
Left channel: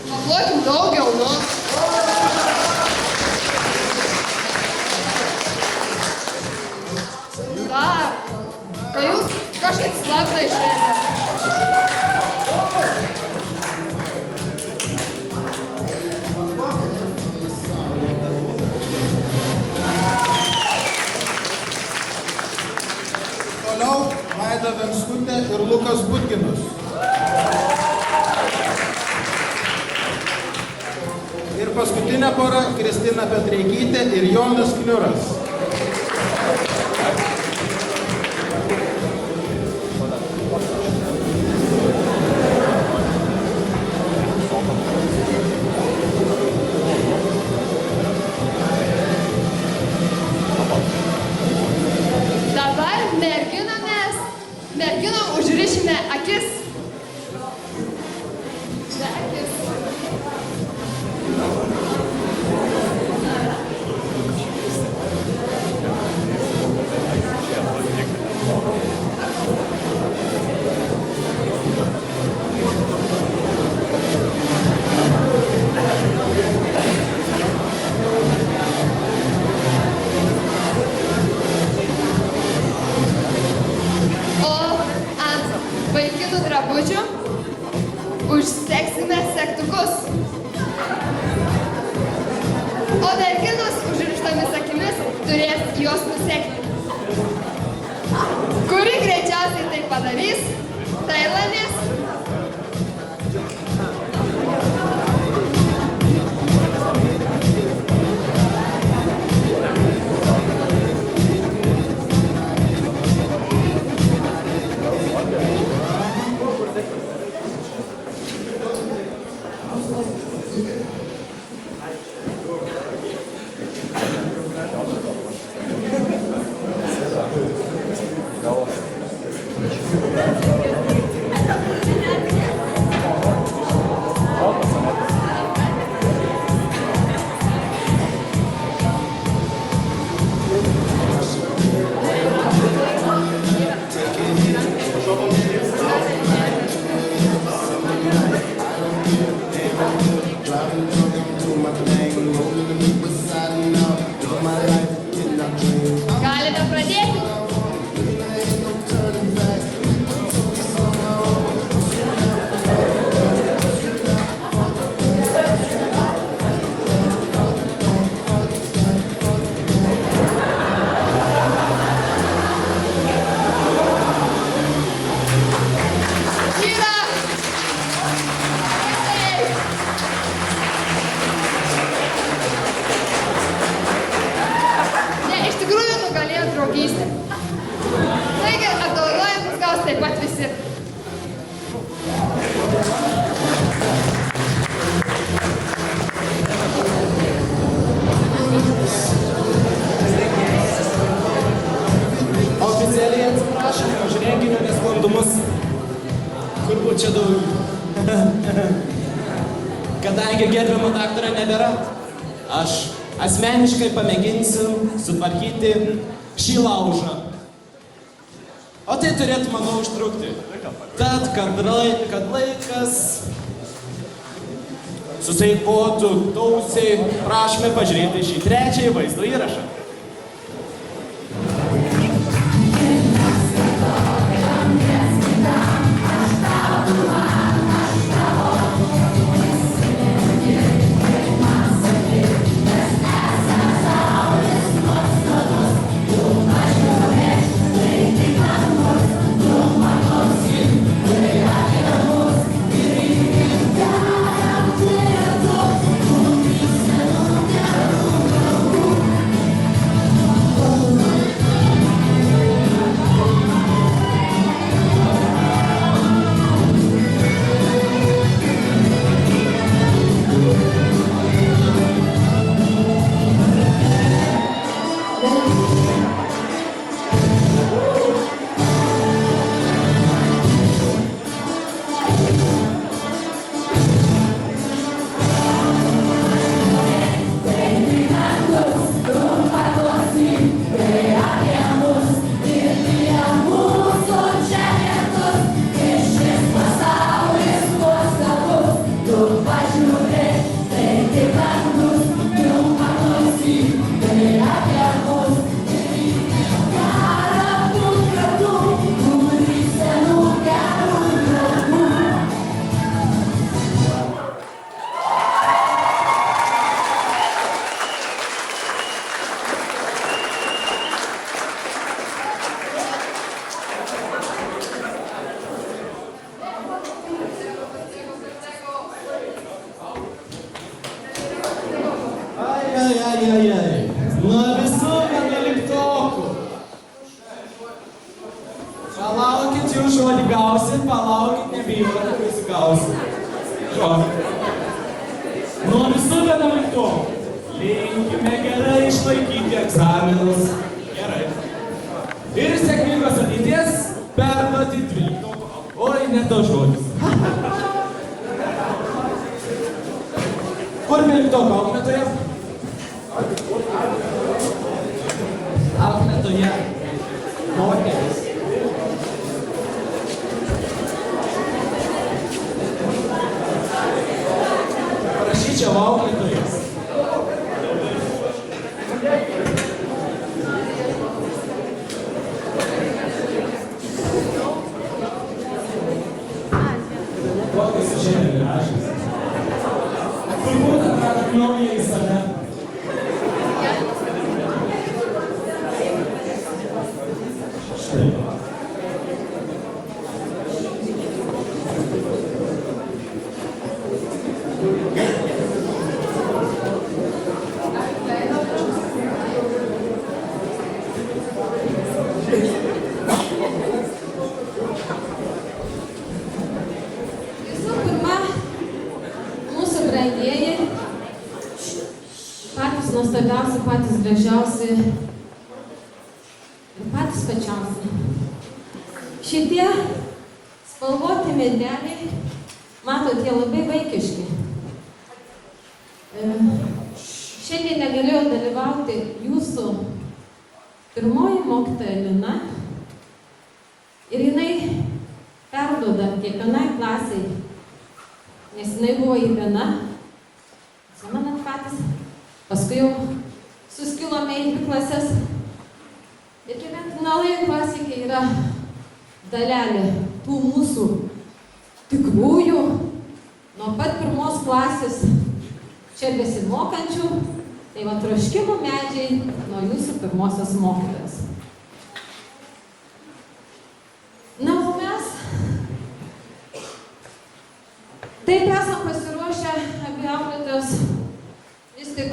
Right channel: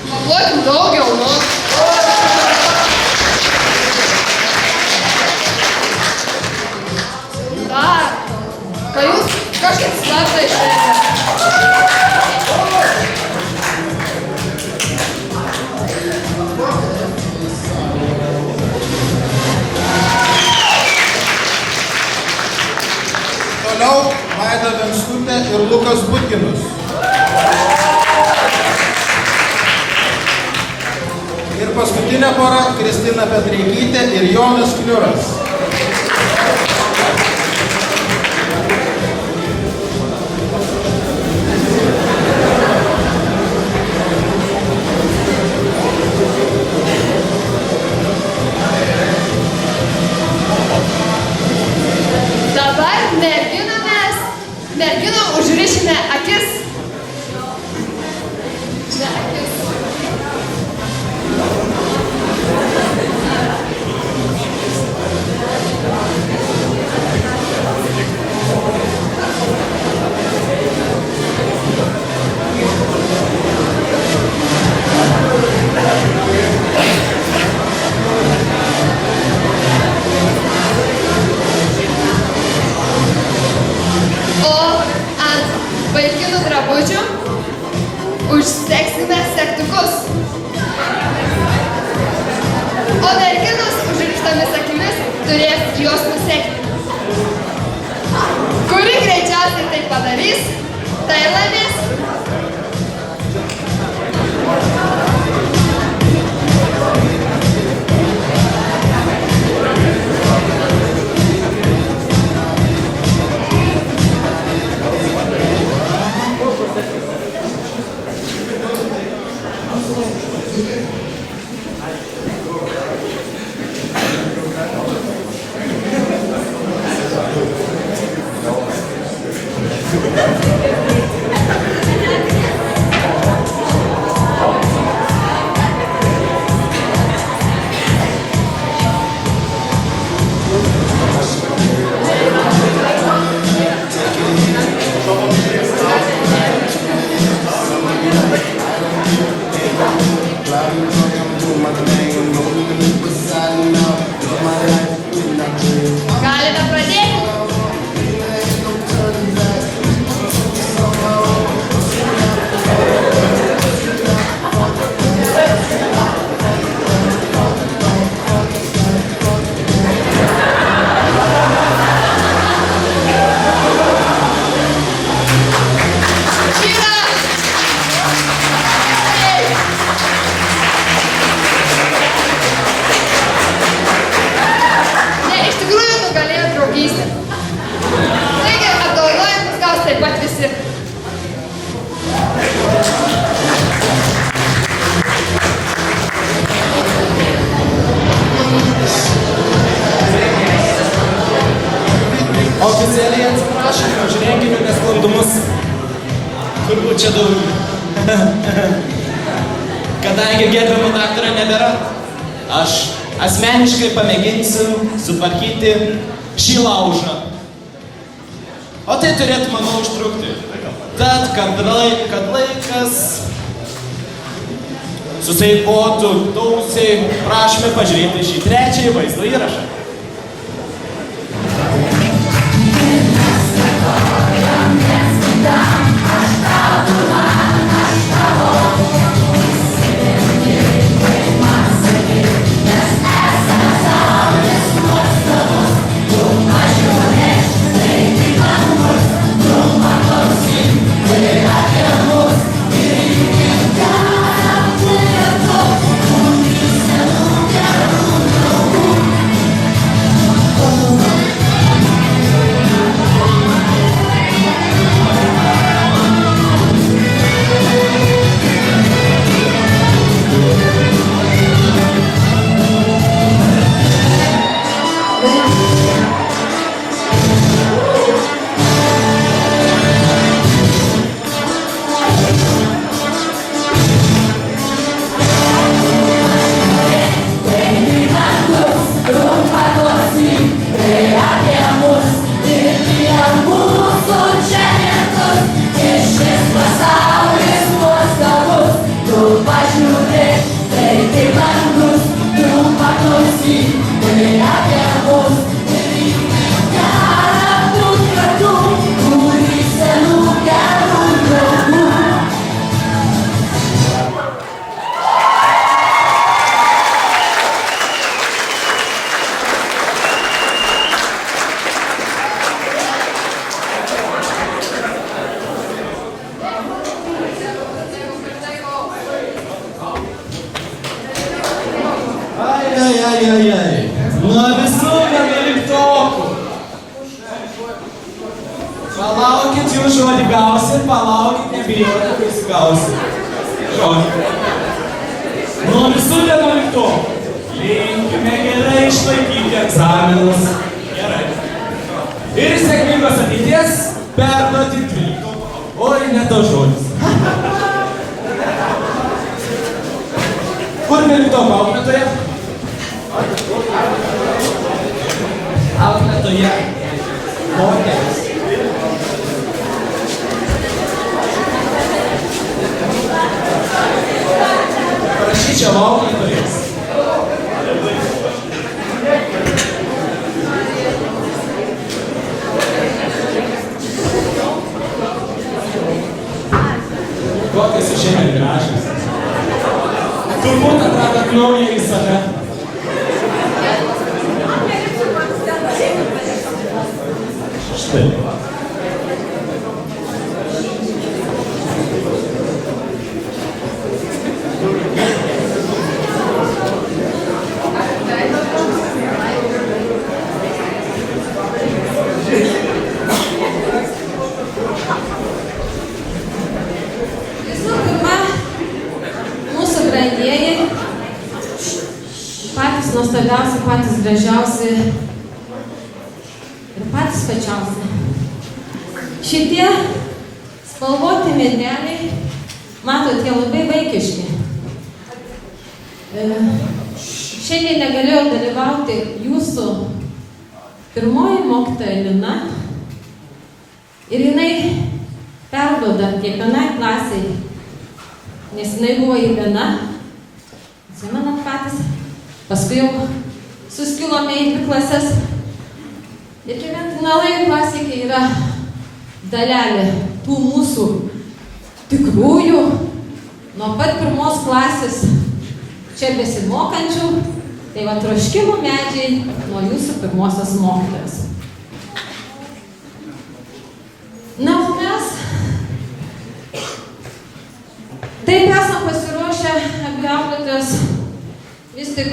Paplaukim daugiau, nu. Dar, ką jūs kažkaip slaptai išėjote. Toliau Vaida Venskutė ir Lukas Butkinus. Ir paskutinė pora Kristina Petreikytė ir Jonas Kniuras. Dabar merginom užrišime akis. Ne akis. O ant vaikinų drabužių užseksime segtukus. O merginos užrištomis akimis turės juos nusekti. Kuri greičiausiai tai padarys, tai laimės. esi. Oficialiai atsiprašome už renginio nesklandumus. Turbūt čia daug. Kadangi gerbiamo daktaro nebėra, aš asmeniškai pamėginsiu sutvarkyti šį laužą. O tai turėtų, manau, užtrukti. Tad, kad laikas suseikotų tausiai, prašome pažiūrėti šį trečiąjį vaizdo įrašą. Nuo visų 11-okų. Palaukit, jūs žodį gausit, palaukit, nebijokit, kai įsigausit. Žodį. Nuo visų 11-okų. Linkime gerai išlaikyti egzaminus. Gerai. Ir sėkmingos ateities perduoti 12-okų. Oi, ne tas žodis. Kur 12-okų auklėtoja? Auklėtoja. Moteris. Parašyčiau auklėtojas. Kokios jūs šiandien gražios. Turbūt atradot naują į save. Štai. Visų pirma, mūsų brangieji, patys nuostabiausi, patys gražiausi ir patys pačiausi. Šitie spalvoti medeliai, matot, jie labai vaikiški. Šiandien negalėjau dalyvauti jūsų pirmoji mokytoja Lina ir jinai perduoda kiekvienai klasiai, nes jinai buvo į viena, atsimenat patys, paskui jau suskilome į 2 klases ir kiekvienai klasikai yra dalelė tų mūsų tikrųjų, nuo pat 1 klasės čia besimokančių, tai va troškimų medžiai nuo jūsų pirmosios mokytojos. Na, o mes taip esam pasiruošę abi auklėtojos, vis tik,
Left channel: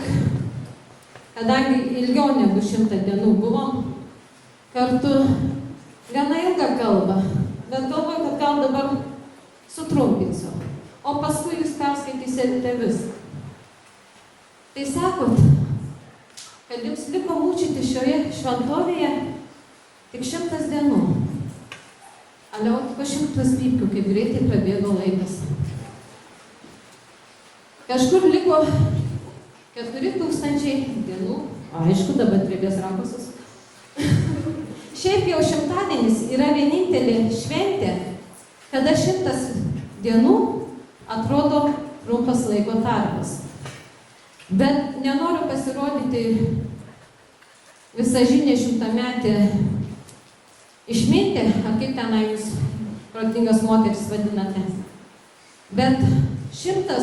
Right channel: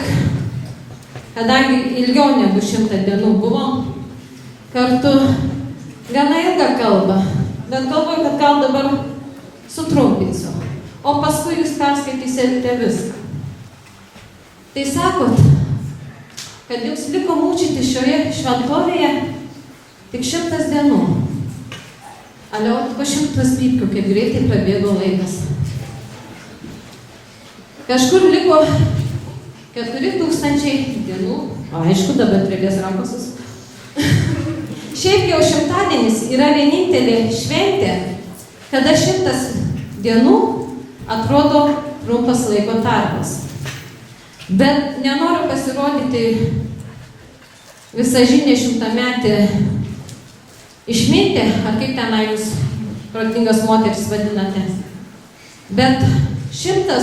kadangi ilgiau negu 100 dienų buvom kartu, gana ilgą kalbą bet galvoju, kad gal dabar sutrumpinsiu, o paskui jūs perskaitysite viską. Tai sakot, kad jums liko mūčyti šioje šventovėje tik 100 dienų. Ale o po 100 pypkių, kaip greitai prabėgo laikas. Kažkur liko 4000 dienų, o aišku, dabar trebės rankosus. Šiaip jau šimtadienis yra vienintelė šventė, kada 100 dienų atrodo trumpas laiko tarpas. Bet nenoriu pasirodyti visažinė 100-metė išmintė, ar kaip tenai jūs protingas moteris vadinate. Bet 100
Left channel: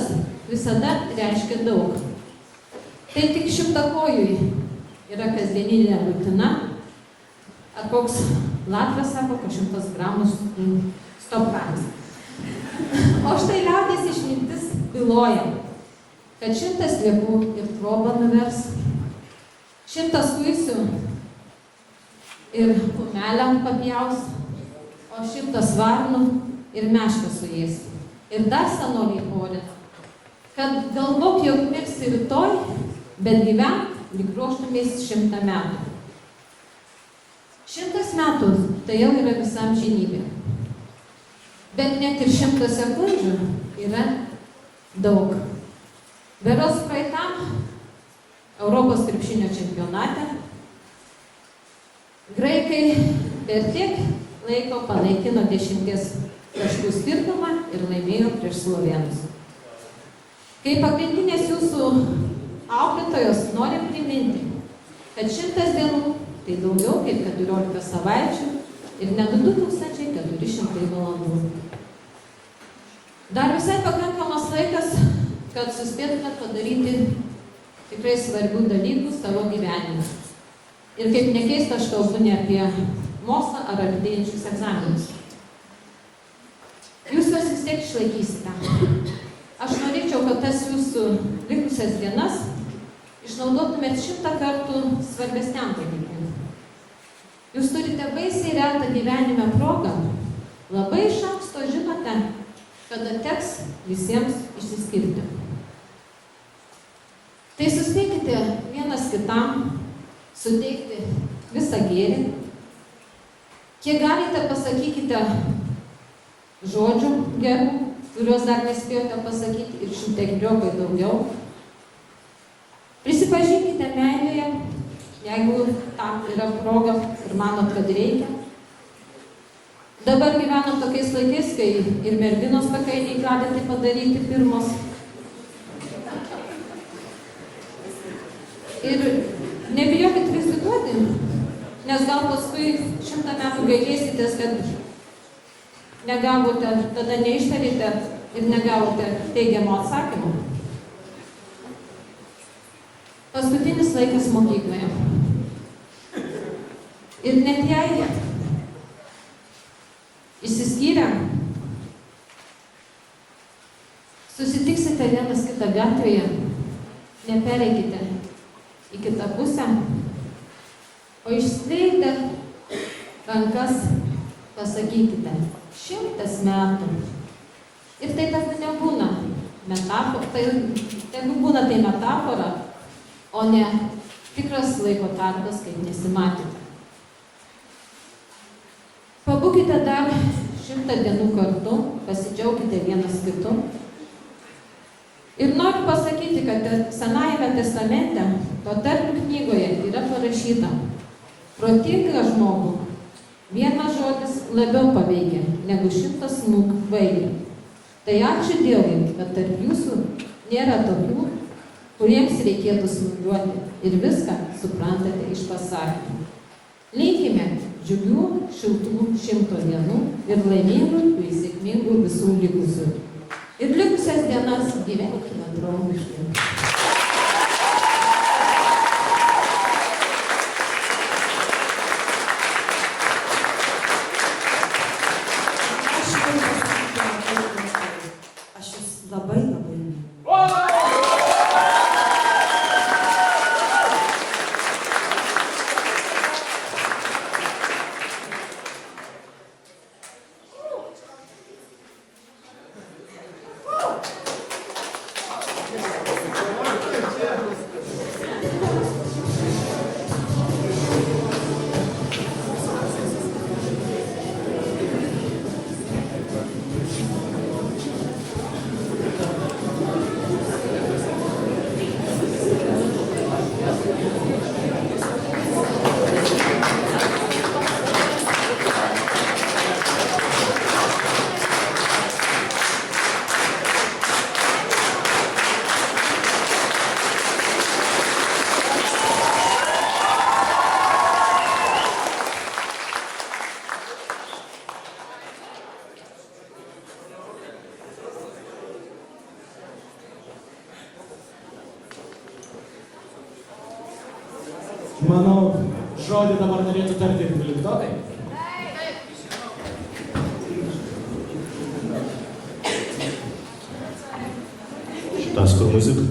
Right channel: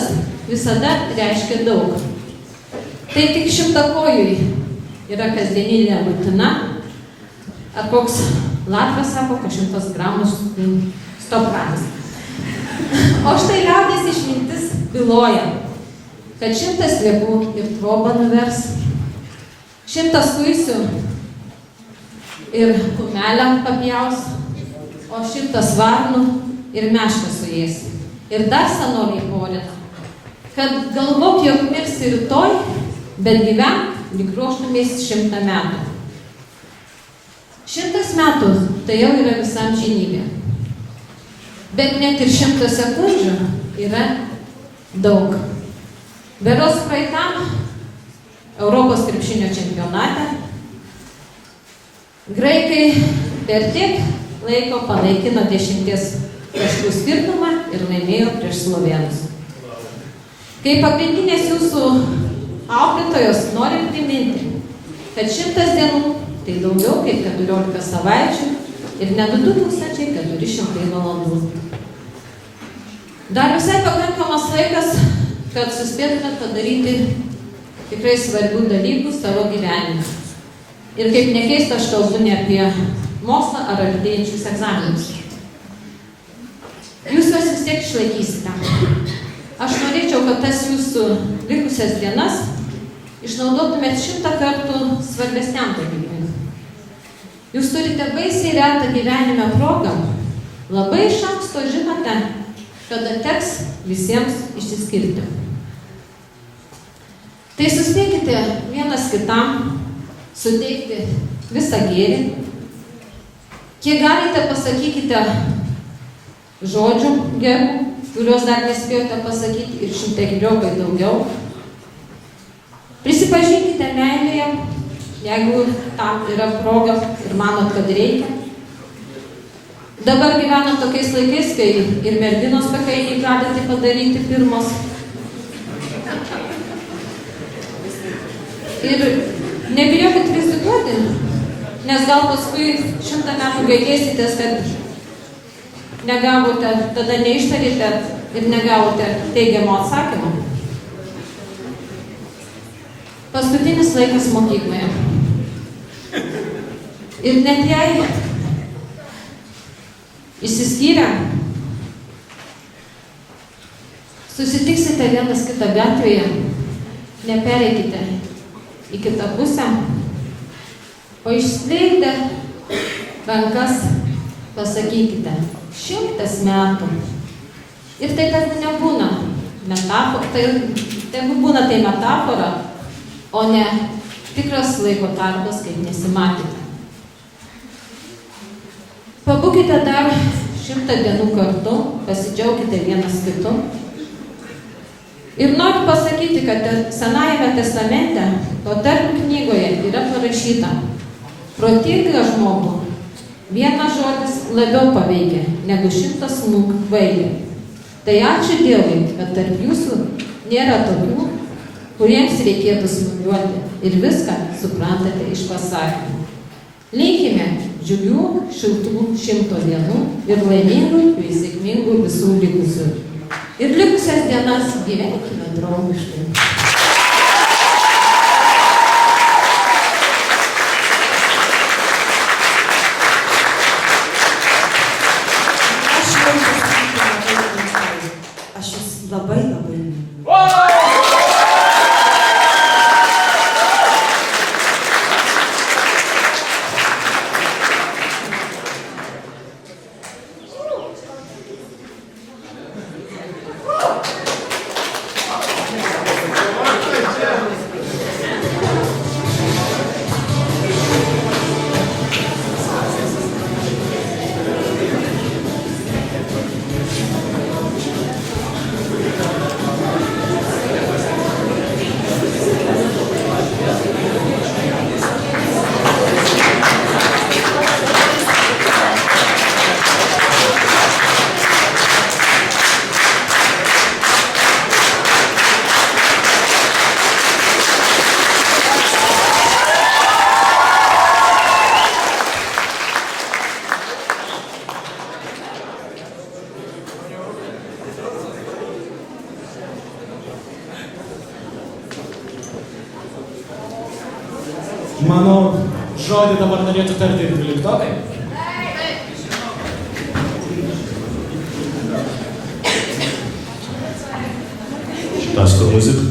visada reiškia daug. Tai tik 100-kojui yra kasdieninė rutina, ar koks Latras sako, kad 100 gramų stopratis. O štai liaudės išmintis byloja, kad 100 sliekų ir trobą nuvers, 100 kuisių ir kumelę papjaus, o 100 varnų ir mešką suės. Ir dar senoliai porina, kad galvok, jog mirsi rytoj, bet gyvenk lyg ruoštumės 100 metų. 100 metų tai jau yra visam žinybė. Bet net ir 100 sekundžių yra daug. Beros praeitam Europos krepšinio čempionate graikai per tiek laiko panaikino 10 taškų skirtumą ir laimėjo prieš slovėnus. Kaip pagrindinės jūsų auklėtojos noriu priminti, kad 100 dienų tai daugiau kaip 14 savaičių ir net 2400 valandų. Dar visai pakankamas laikas, kad suspėtumėt padaryti tikrai svarbių dalykų savo gyvenime. Ir kaip nekeista, aš kalbu ne apie mokslą ar artėjančius egzaminus. Jūs juos vis tiek išlaikysite. Aš norėčiau, kad tas jūsų likusias dienas išnaudotumėt 100 kartų svarbesniam dalykui. Jūs turite baisiai retą gyvenime progą, labai iš anksto žinote, kada teks visiems išsiskirti. Tai suspėkite vienas kitam suteikti visą gėrį. Kiek galite, pasakykite žodžių gerų, kuriuos dar nespėjote pasakyti, ir 100-keriopai daugiau. Prisipažinkite meilėje, jeigu tam yra proga ir manot, kad reikia. Dabar gyvenam tokiais laikais, kai ir merginos pakainiai gali tai padaryti pirmos. Ir nebijokit rizikuoti, nes gal paskui 100 metų gailėsitės, kad negavote, tada neištarėte ir negavote teigiamo atsakymo. Paskutinis laikas mokykloje. Ir net jei išsiskyrę, susitiksite vienas kitą gatvėje, nepereikite į kitą pusę, o išskleidę rankas pasakykite 100 metų. Ir tai tegu nebūna metafora, tegu būna tai metafora, o ne tikras laiko tarpas, kaip nesimatėte. Pabūkite dar 100 dienų kartu, pasidžiaukite vienas kitu. Ir noriu pasakyti, kad Senajame testamente, Patarlių knygoje yra parašyta: protingą žmogų vienas žodis labiau paveikia negu 100 smūgių kvailį. Tai ačiū Dievui, kad tarp jūsų nėra tokių, kuriems reikėtų smūgiuoti ir viską suprantate iš pasakymų. Linkime džiugių, šiltų 100 dienų ir laimingų bei sėkmingų visų likusių. Ir likusias dienas gyvenkime draugiškai. Aš jūs labai myliu. Manau, žodį dabar norėtų tarti ir 12-okai. Šitas kur muzika?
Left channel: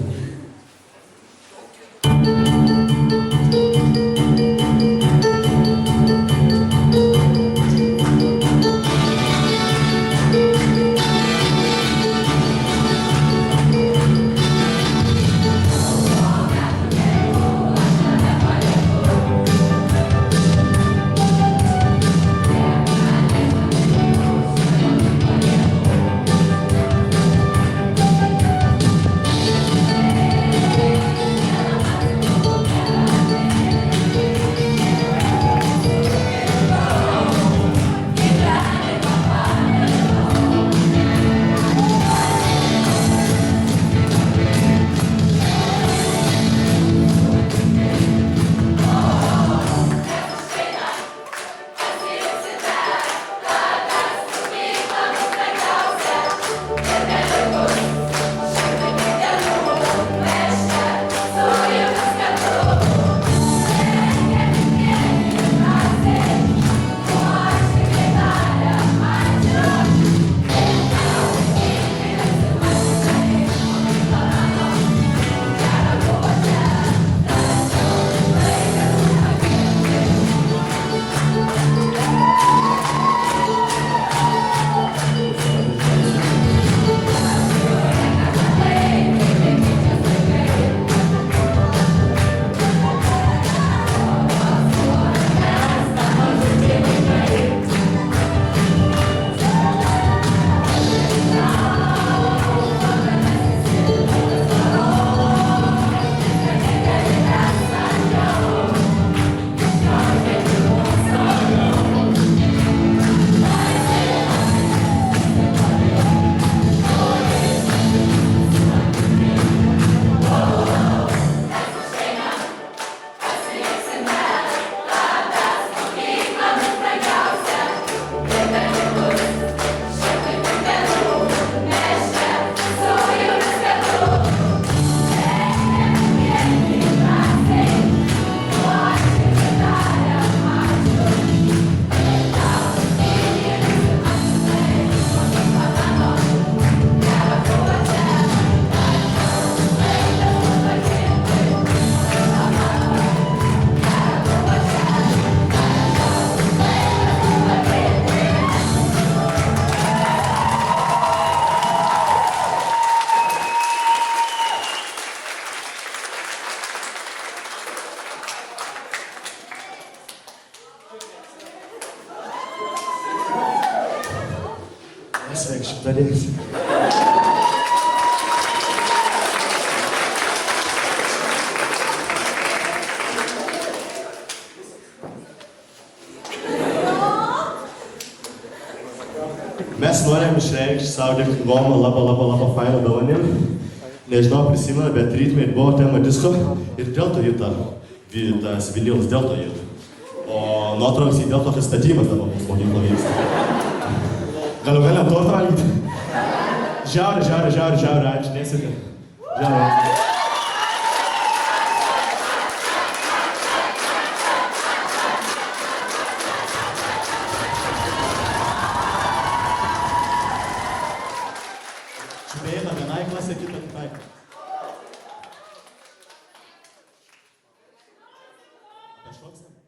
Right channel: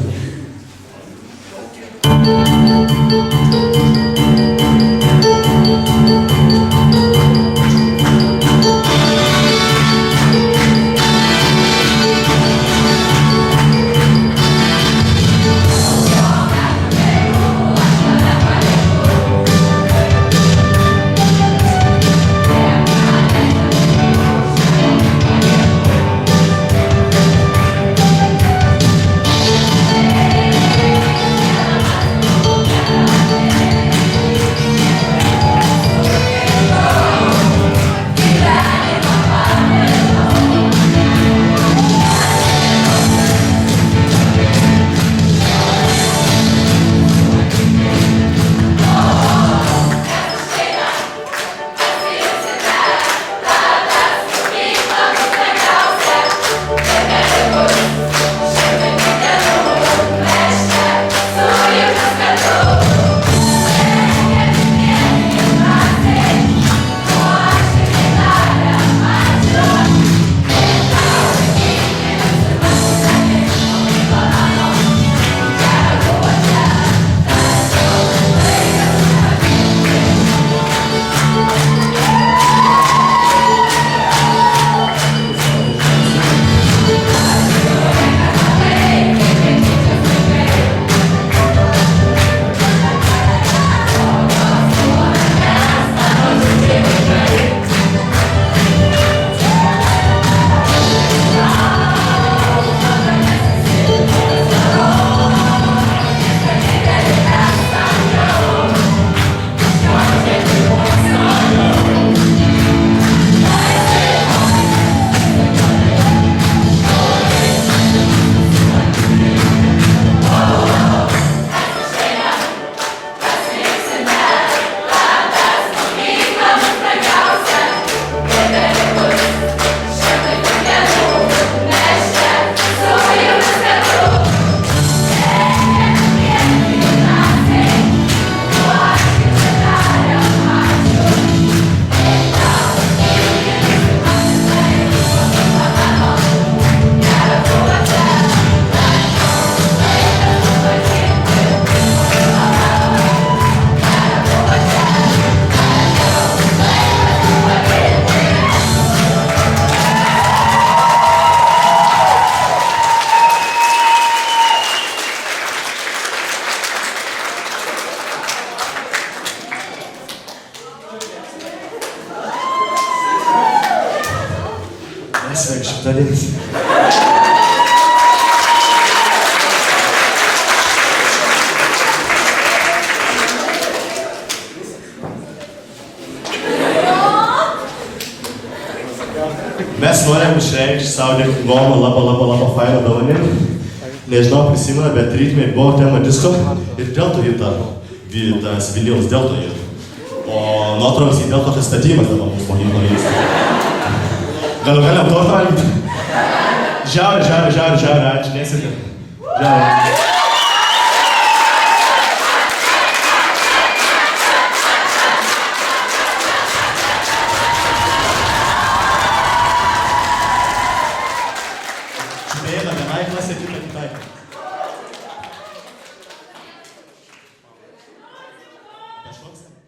Sveiki, šimtadienis. Mes norim išreikšti savo dėkingumą labai fainą dovanėlį. Nežinau, prisimenu, bet rytmei buvo tema disko ir dėl to tas vinilas, dėl to O nuotraukas į dėl to statymas dabar mūsų mokykloje vyksta. Gal galim tortą valgyti? Žiauri, ačiū, nesėkė. Žiauri. Čiubėjiną vienai klasė, kitą kitai. Kažkoks ten?